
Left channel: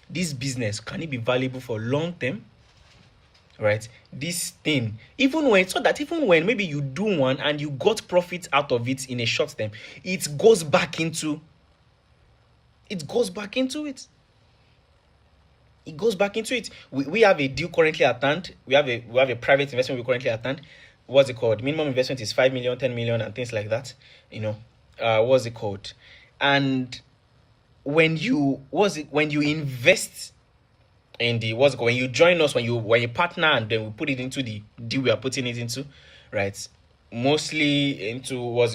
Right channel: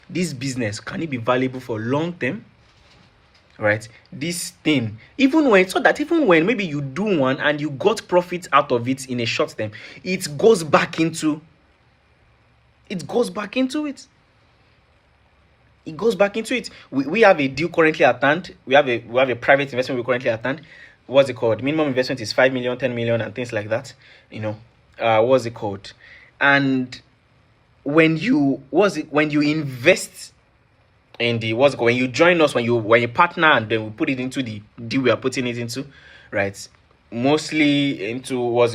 This business, can it be valuable for long term? Right? This thing, even when maybe you do one and you got profit out of it in a short term, it goes back into it. We have a deal currently at hand. We have a private investment we currently at hand. What's it called? Minimum investment is 5 million, 10 million, and things like that. What's it called? And when you invest in the when you join us, when you partner, and then we put it into the deal we are putting it into, right? Mostly into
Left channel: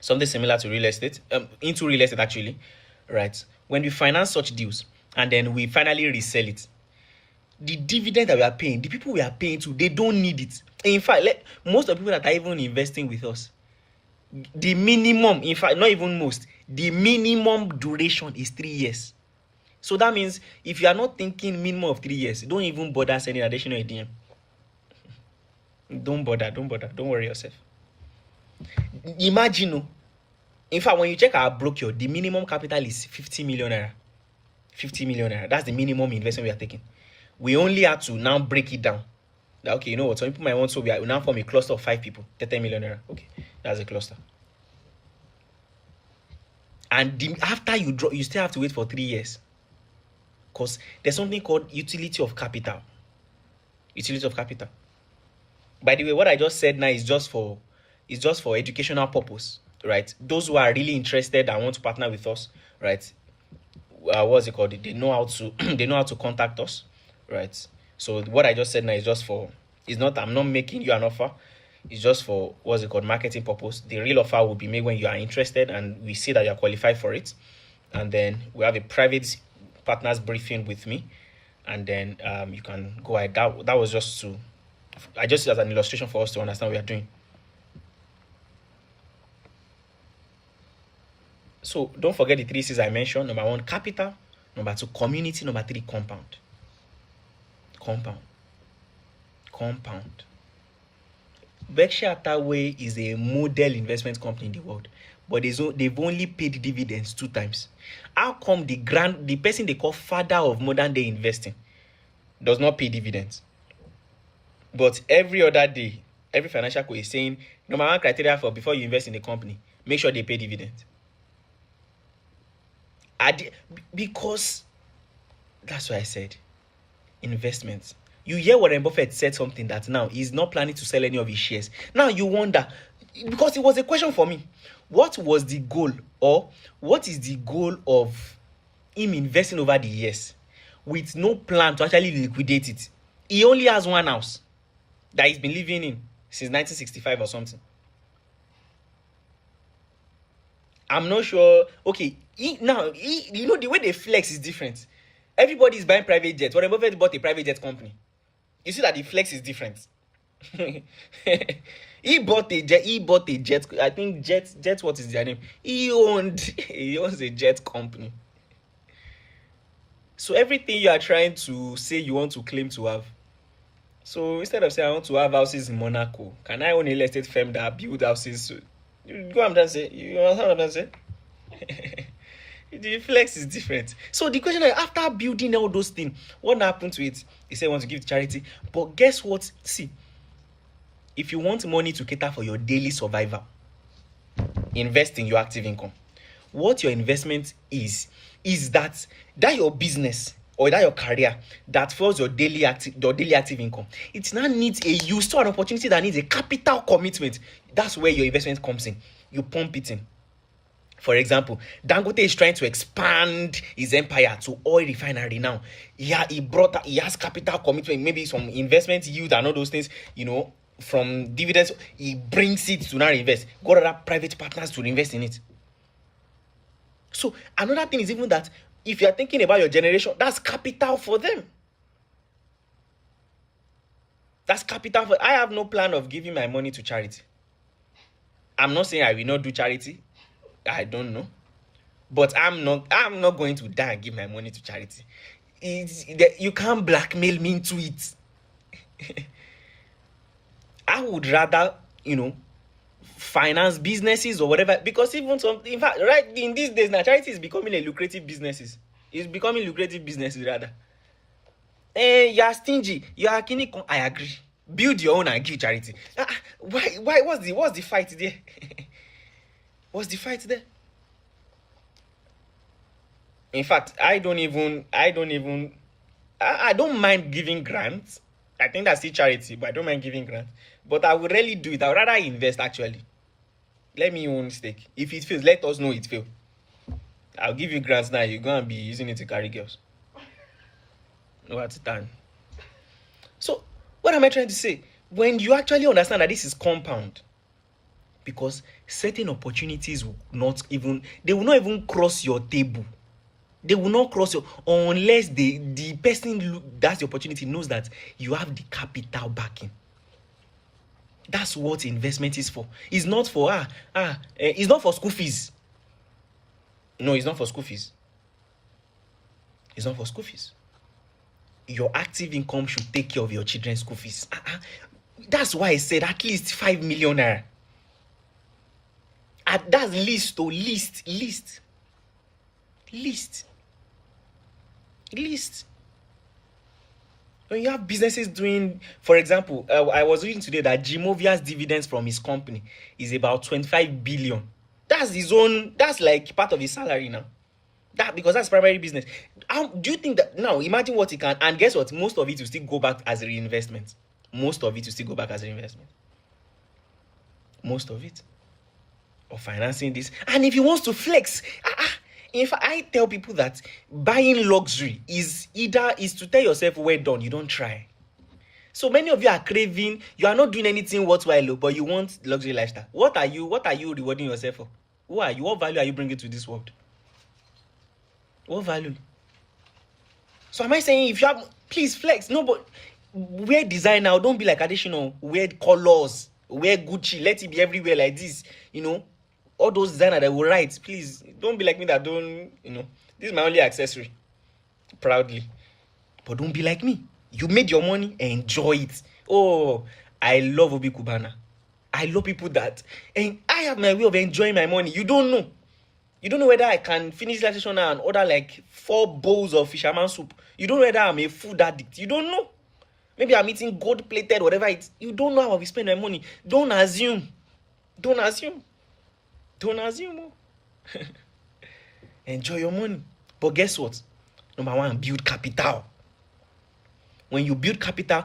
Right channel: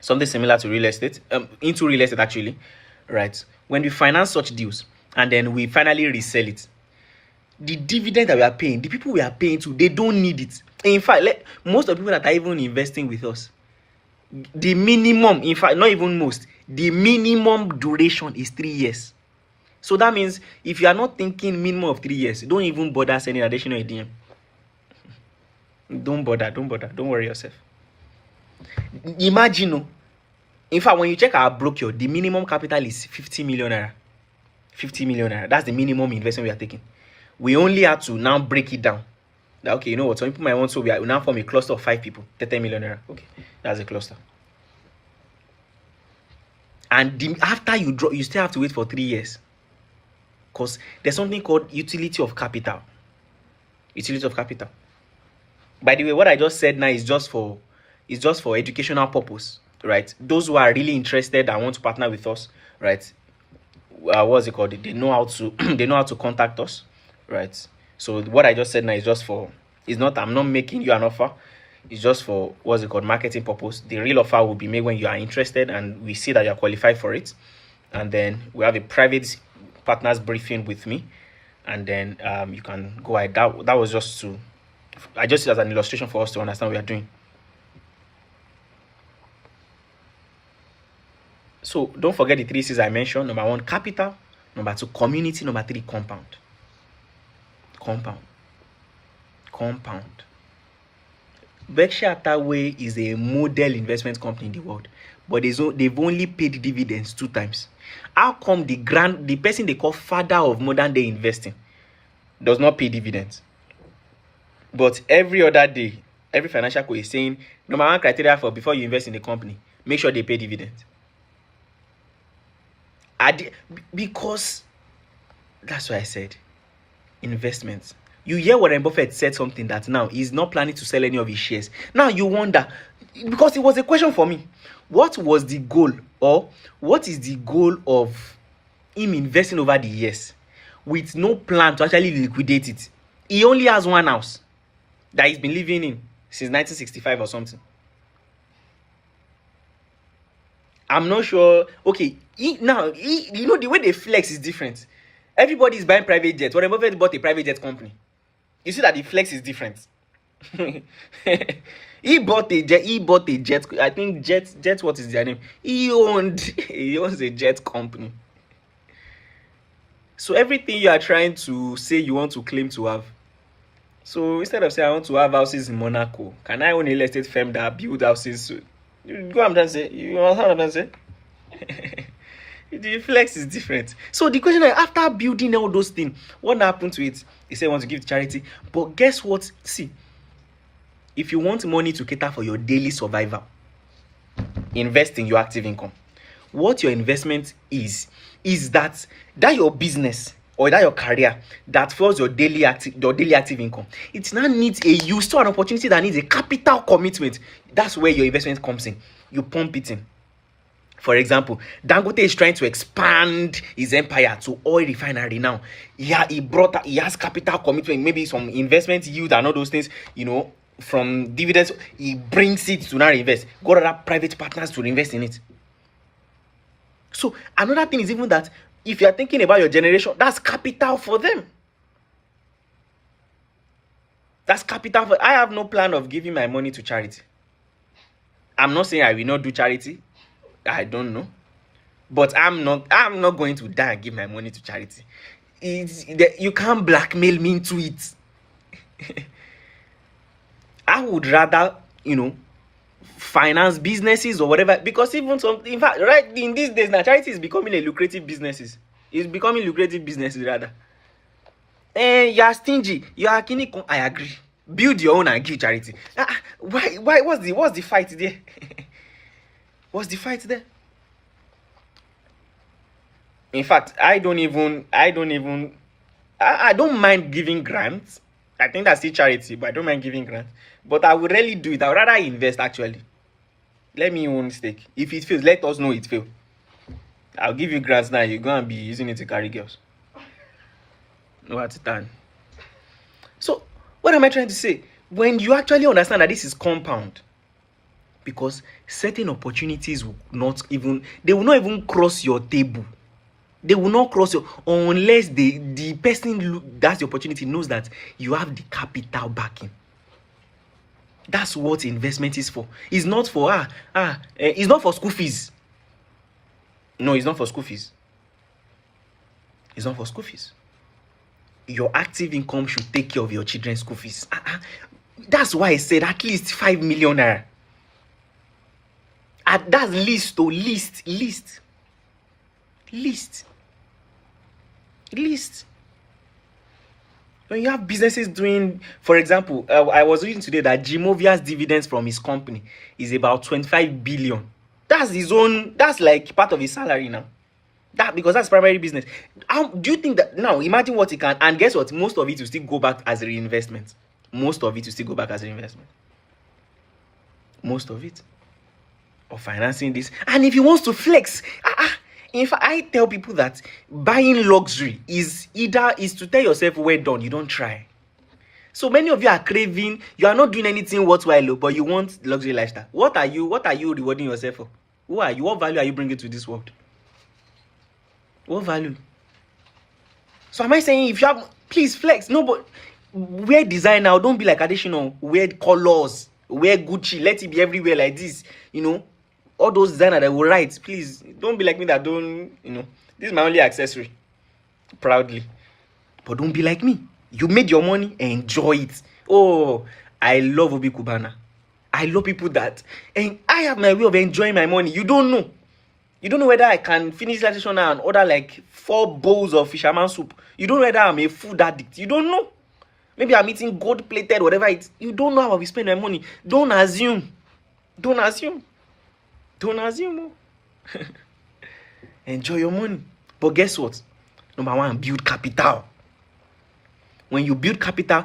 something similar to real estate, into real estate actually, right? When we finance such deals and then we finally resell it, the dividend that we are paying, the people we are paying to, they don't need it. In fact, most of the people that are even investing with us, the minimum, in fact, not even most, the minimum duration is 3 years. So that means if you are not thinking minimum of 3 years, don't even bother sending additional DM. Don't bother. Don't worry yourself. Imagine, in fact, when you check our brochure, the minimum capital is 50 million naira. 50 million naira. That's the minimum investment we are taking. We only have to now break it down. Okay, you know what? Some people might want to. We now form a cluster of 5 people. 30 million naira. Okay. That's a cluster. And after you draw, you still have to wait for 3 years, because there's something called utility of capital. Utility of capital. By the way, what I just said now is just for educational purpose, right? Those who are really interested and want to partner with us, right? What's it called? They know how to they know how to contact us, right? So what I just said now is just for, it's not, I'm not making you an offer. It's just for, what's it called, marketing purpose. The real offer will be made when you are interested and we see that you are qualified for it, and then we have a private partners briefing with me, and then you can go ahead. That was just to, I just see it as an illustration for us to understand what we are doing. So don't forget the 3 C's I mentioned. Number 1, capital. Number 2, community. Number 3, compound. Compound. Berkshire Hathaway is a model investment company in the world, but they've only paid dividends 2 times. How come the person they call father of modern day investing does not pay dividends? But every other day, every financial co is saying, number 1 criteria for before you invest in a company, make sure they pay dividends. Because that's why I said investments. You hear Warren Buffett said something that now he's not planning to sell any of his shares. Now you wonder, because it was a question for me, what was the goal, or what is the goal of him investing over the years with no plan to actually liquidate it? He only has 1 house that he's been living in since 1965 or something. I'm not sure. Okay, you know, the way they flex is different. Everybody is buying private jets. Warren Buffett bought a private jet company. You see that the flex is different. He bought a jet. I think jet. What is their name? He owns a jet company. So everything you are trying to say you want to claim to have. So instead of saying I want to have houses in Monaco, can I own a real estate firm that build houses? You go, I'm trying to say. You know what I'm trying to say? The flex is different. So the question is, after building all those things, what happened to it? He said, want to give to charity. But guess what? See, if you want money to cater for your daily survival, invest in your active income. What your investment is that your business or that your career that fuels your daily active income. It now needs you still an opportunity that needs a capital commitment. That's where your investment comes in. You pump it in. For example, Dangote is trying to expand his empire to oil refinery now. He has capital commitment, maybe some investment yield and all those things, from dividends. He brings it to now invest. Got other private partners to invest in it. So another thing is even that if you are thinking about your generation, that's capital for them. That's capital for. I have no plan of giving my money to charity. I'm not saying I will not do charity. I don't know, but I'm not going to die and give my money to charity. You can't blackmail me into it. I would rather, finance businesses or whatever, because in fact, right in these days now, charity is becoming a lucrative businesses. It's becoming lucrative businesses rather. You are stingy. You are kini. I agree. Build your own and give charity. Why? What's the fight there? What's the fight there? In fact, I don't mind giving grants. I think that's still charity, but I don't mind giving grants. But I would really do it. I would rather invest actually. Let me own stake. If it fails, let us know it failed. I'll give you grants now. You go and be using it to carry girls. No at the time. So, what am I trying to say? When you actually understand that this is compound, because certain opportunities will not even cross your table. They will not cross your, unless the person that's the opportunity knows that you have the capital backing. That's what investment is for. It's not for it's not for school fees. No, it's not for school fees. It's not for school fees. Your active income should take care of your children's school fees. That's why I said at least 5 million naira. That's least. When you have businesses doing, for example, I was reading today that Gimovia's dividends from his company is about 25 billion. That's his own, that's like part of his salary now. That, because that's primary business. How do you think that now? Imagine what he can, and guess what? Most of it will still go back as a reinvestment. Most of it will still go back as a reinvestment. Most of it, or financing this. And if he wants to flex, in fact, I tell people that buying luxury is to tell yourself, well done, you don't try. So many of you are craving, you are not doing anything worthwhile, but you want luxury lifestyle. What are you rewarding yourself for? Who are you? What value are you bringing to this world? What value? So am I saying if you have, please flex? No, but wear design now. Don't be like Adesina. Wear colors. Wear Gucci. Let it be everywhere like this. You know, all those designers that will write. Please don't be like me that don't. You know, this is my only accessory. Proudly, but don't be like me. You made your money, enjoy it. Oh, I love Obi Kubana. I love people that, and I have my way of enjoying my money. You don't know. You don't know whether I can finish that session now and order like 4 bowls of fisherman soup. You don't know whether I'm a food addict. You don't know. Maybe I'm eating gold-plated, whatever it's. You don't know how I spend my money. Don't assume. Don't assume. Don't assume. Enjoy your money. But guess what? Number 1, build capital. When you build capital,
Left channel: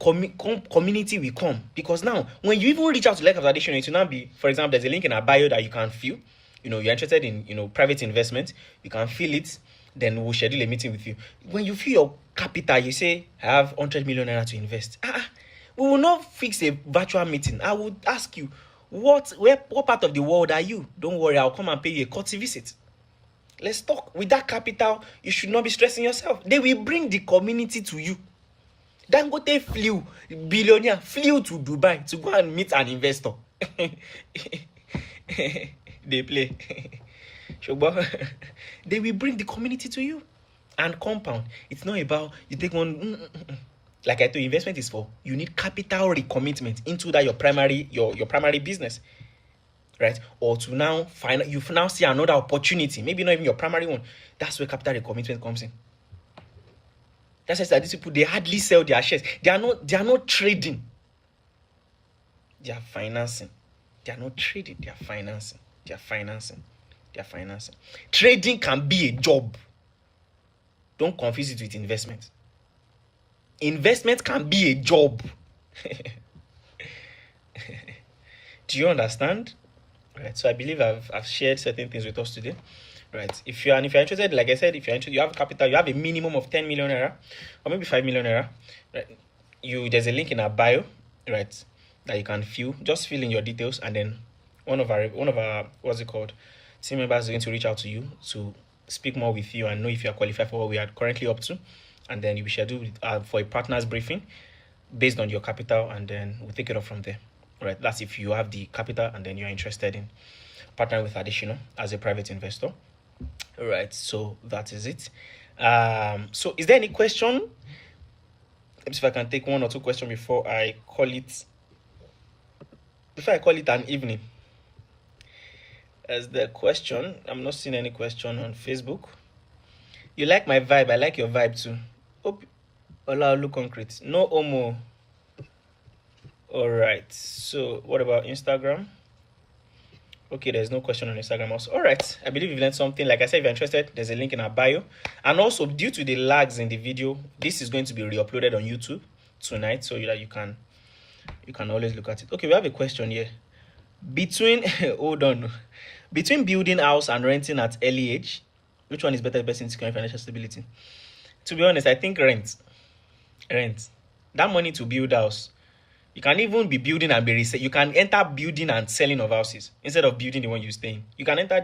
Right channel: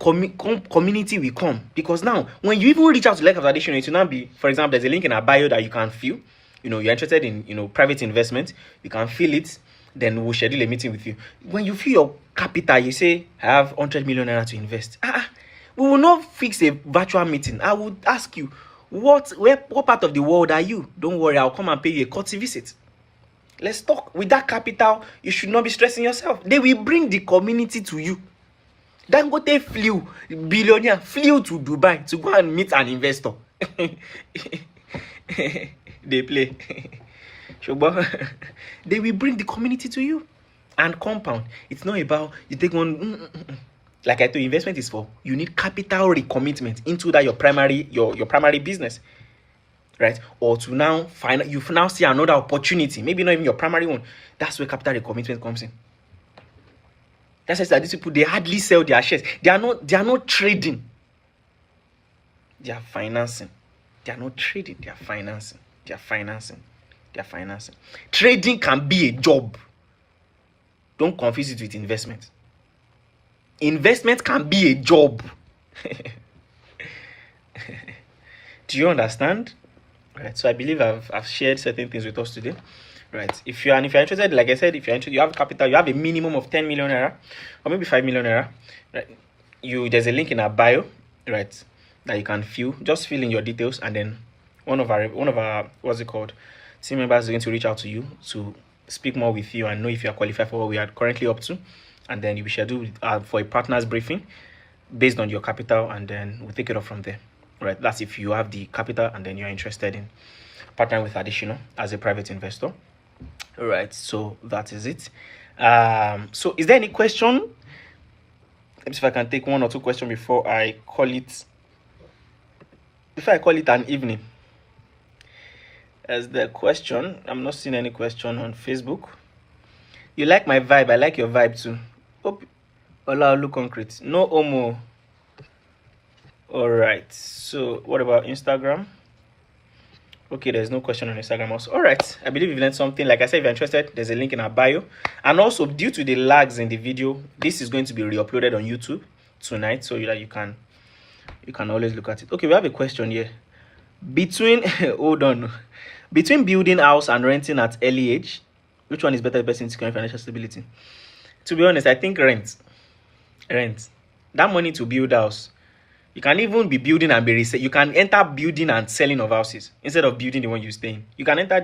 community will come. Because now, when you even reach out to like Adesina, it will not be, for example, there's a link in our bio that you can fill. You know, you're interested in, you know, private investment, you can fill it, then we'll schedule a meeting with you. When you fill your capital, you say, I have 100 million naira to invest. We will not fix a virtual meeting. I will ask you, what part of the world are you? Don't worry, I'll come and pay you a courtesy visit. Let's talk. With that capital, you should not be stressing yourself. They will bring the community to you. Dangote billionaire flew to Dubai to go and meet an investor. They play. They will bring the community to you. And compound. It's not about you take one. Like I told you, investment is for you need capital recommitment into that your primary business, right? Or to now find you now see another opportunity, maybe not even your primary one. That's where capital recommitment comes in. That's why these people, they hardly sell their shares. They are not trading. They are financing. They are not trading. They are financing. They are financing. They are financing. Trading can be a job. Don't confuse it with investment. Investment can be a job. Do you understand? Right. So I believe I've shared certain things with us today. Right. If you're interested, like I said, if you're interested, you have capital, you have a minimum of 10 million naira or maybe 5 million naira. Right. There's a link in our bio, right, that you can fill. Just fill in your details, and then one of our what's it called, team members is going to reach out to you to speak more with you and know if you are qualified for what we are currently up to, and then you'll be scheduled for a partners briefing based on your capital, and then we'll take it off from there. Right. That's if you have the capital and then you're interested in partnering with Adesina as a private investor. All right, so that is it. So is there any question? Let me see if I can take 1 or 2 questions before I call it an evening. As the question, I'm not seeing any question on Facebook. You like my vibe? I like your vibe too. Ola look concrete. No Omo. All right, so what about Instagram? Okay, there's no question on Instagram also. All right, I believe you've learned something. Like I said, if you're interested, there's a link in our bio. And also, due to the lags in the video, this is going to be re-uploaded on YouTube tonight, so that you can always look at it. Okay, we have a question here. Between building house and renting at early age, which one is better person to secure financial stability? To be honest, I think rent. That money to build house. You can even be building and be reselling. You can enter building and selling of houses instead of building the one you stay in. You can enter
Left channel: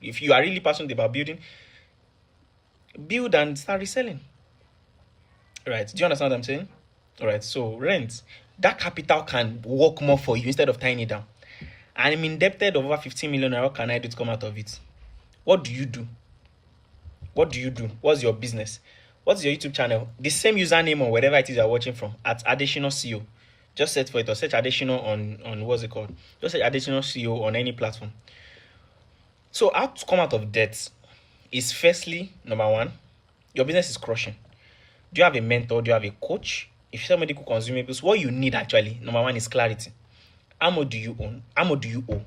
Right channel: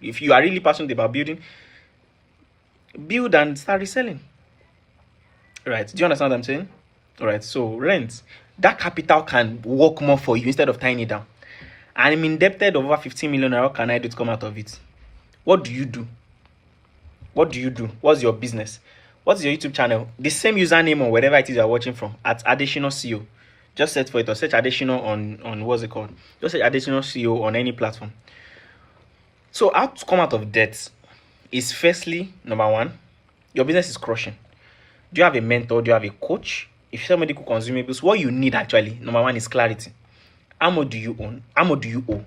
if you are really passionate about building, build and start reselling. Right? Do you understand what I'm saying? All right. So rent, that capital can work more for you instead of tying it down. I'm indebted over 15 million. How can I do to come out of it? What do you do? What's your business? What's your YouTube channel? The same username or wherever it is you're watching from, at Adesina CEO. Just search for it, or search Adesina on what's it called? Just search Adesina CEO on any platform. So how to come out of debt is, firstly, number 1, your business is crushing. Do you have a mentor? Do you have a coach? If you sell medical consumables, what you need actually, number one, is clarity. How much do you own? How much do you owe?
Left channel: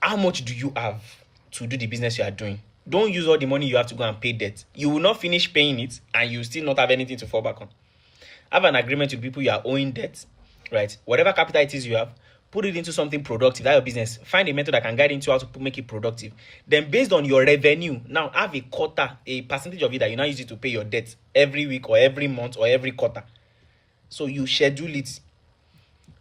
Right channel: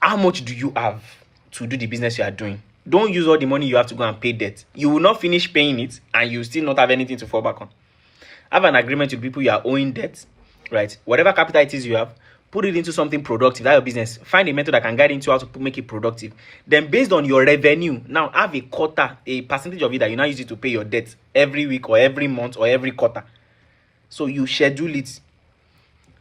How much do you have to do the business you are doing? Don't use all the money you have to go and pay debt. You will not finish paying it and you still not have anything to fall back on. Have an agreement with people you are owing debt, right? Whatever capital it is you have, put it into something productive. That's your business. Find a method that can guide into how to make it productive. Then based on your revenue, now have a quota, a percentage of it that you now use it to pay your debt every week or every month or every quarter. So you schedule it.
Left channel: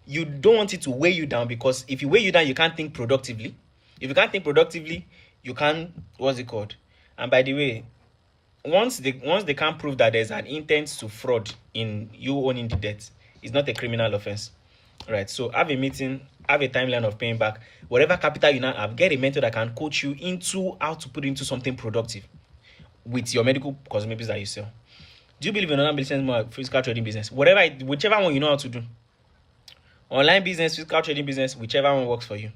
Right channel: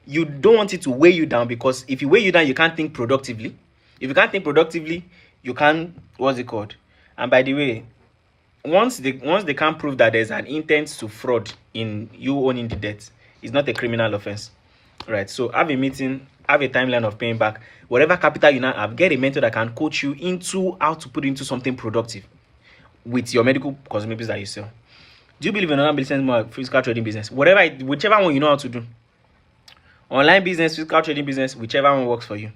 You don't want it to weigh you down, because if you weigh you down, you can't think productively. If you can't think productively, you can't, what's it called? And by the way, once they can't prove that there's an intent to fraud in you owning the debt, it's not a criminal offense, right? So have a meeting, have a timeline of paying back. Whatever capital you now have, get a mentor that can coach you into how to put into something productive with your medical consumables that you sell. Do you believe in online business more, physical trading business? Whichever one you know how to do. Online business, physical trading business, whichever one works for you.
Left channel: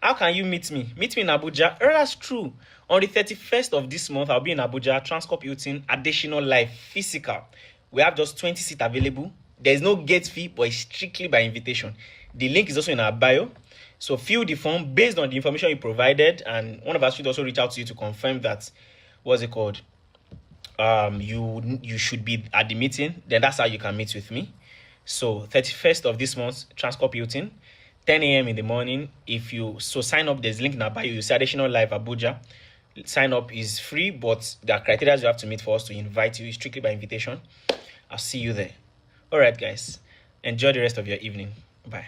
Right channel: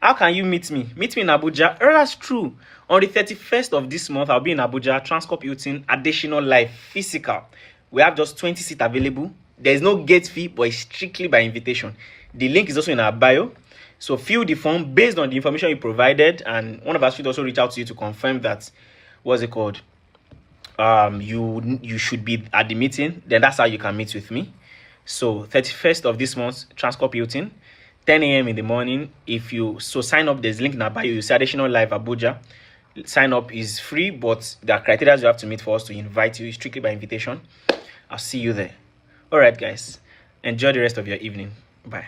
How can you meet me? Meet me in Abuja. Oh, that's true. On the 31st of this month, I'll be in Abuja, Transcorp Hilton, additional live, physical. We have just 20 seats available. There is no gate fee, but it's strictly by invitation. The link is also in our bio. So fill the form based on the information you provided, and one of us should also reach out to you to confirm that, what's it called? You should be at the meeting. Then that's how you can meet with me. So 31st of this month, Transcorp Hilton, 10 a.m. in the morning. If you sign up, there's a link in our bio. You see additional live Abuja. Sign up is free, but there are criteria you have to meet for us to invite you. It's strictly by invitation. I'll see you there. All right, guys. Enjoy the rest of your evening. Bye.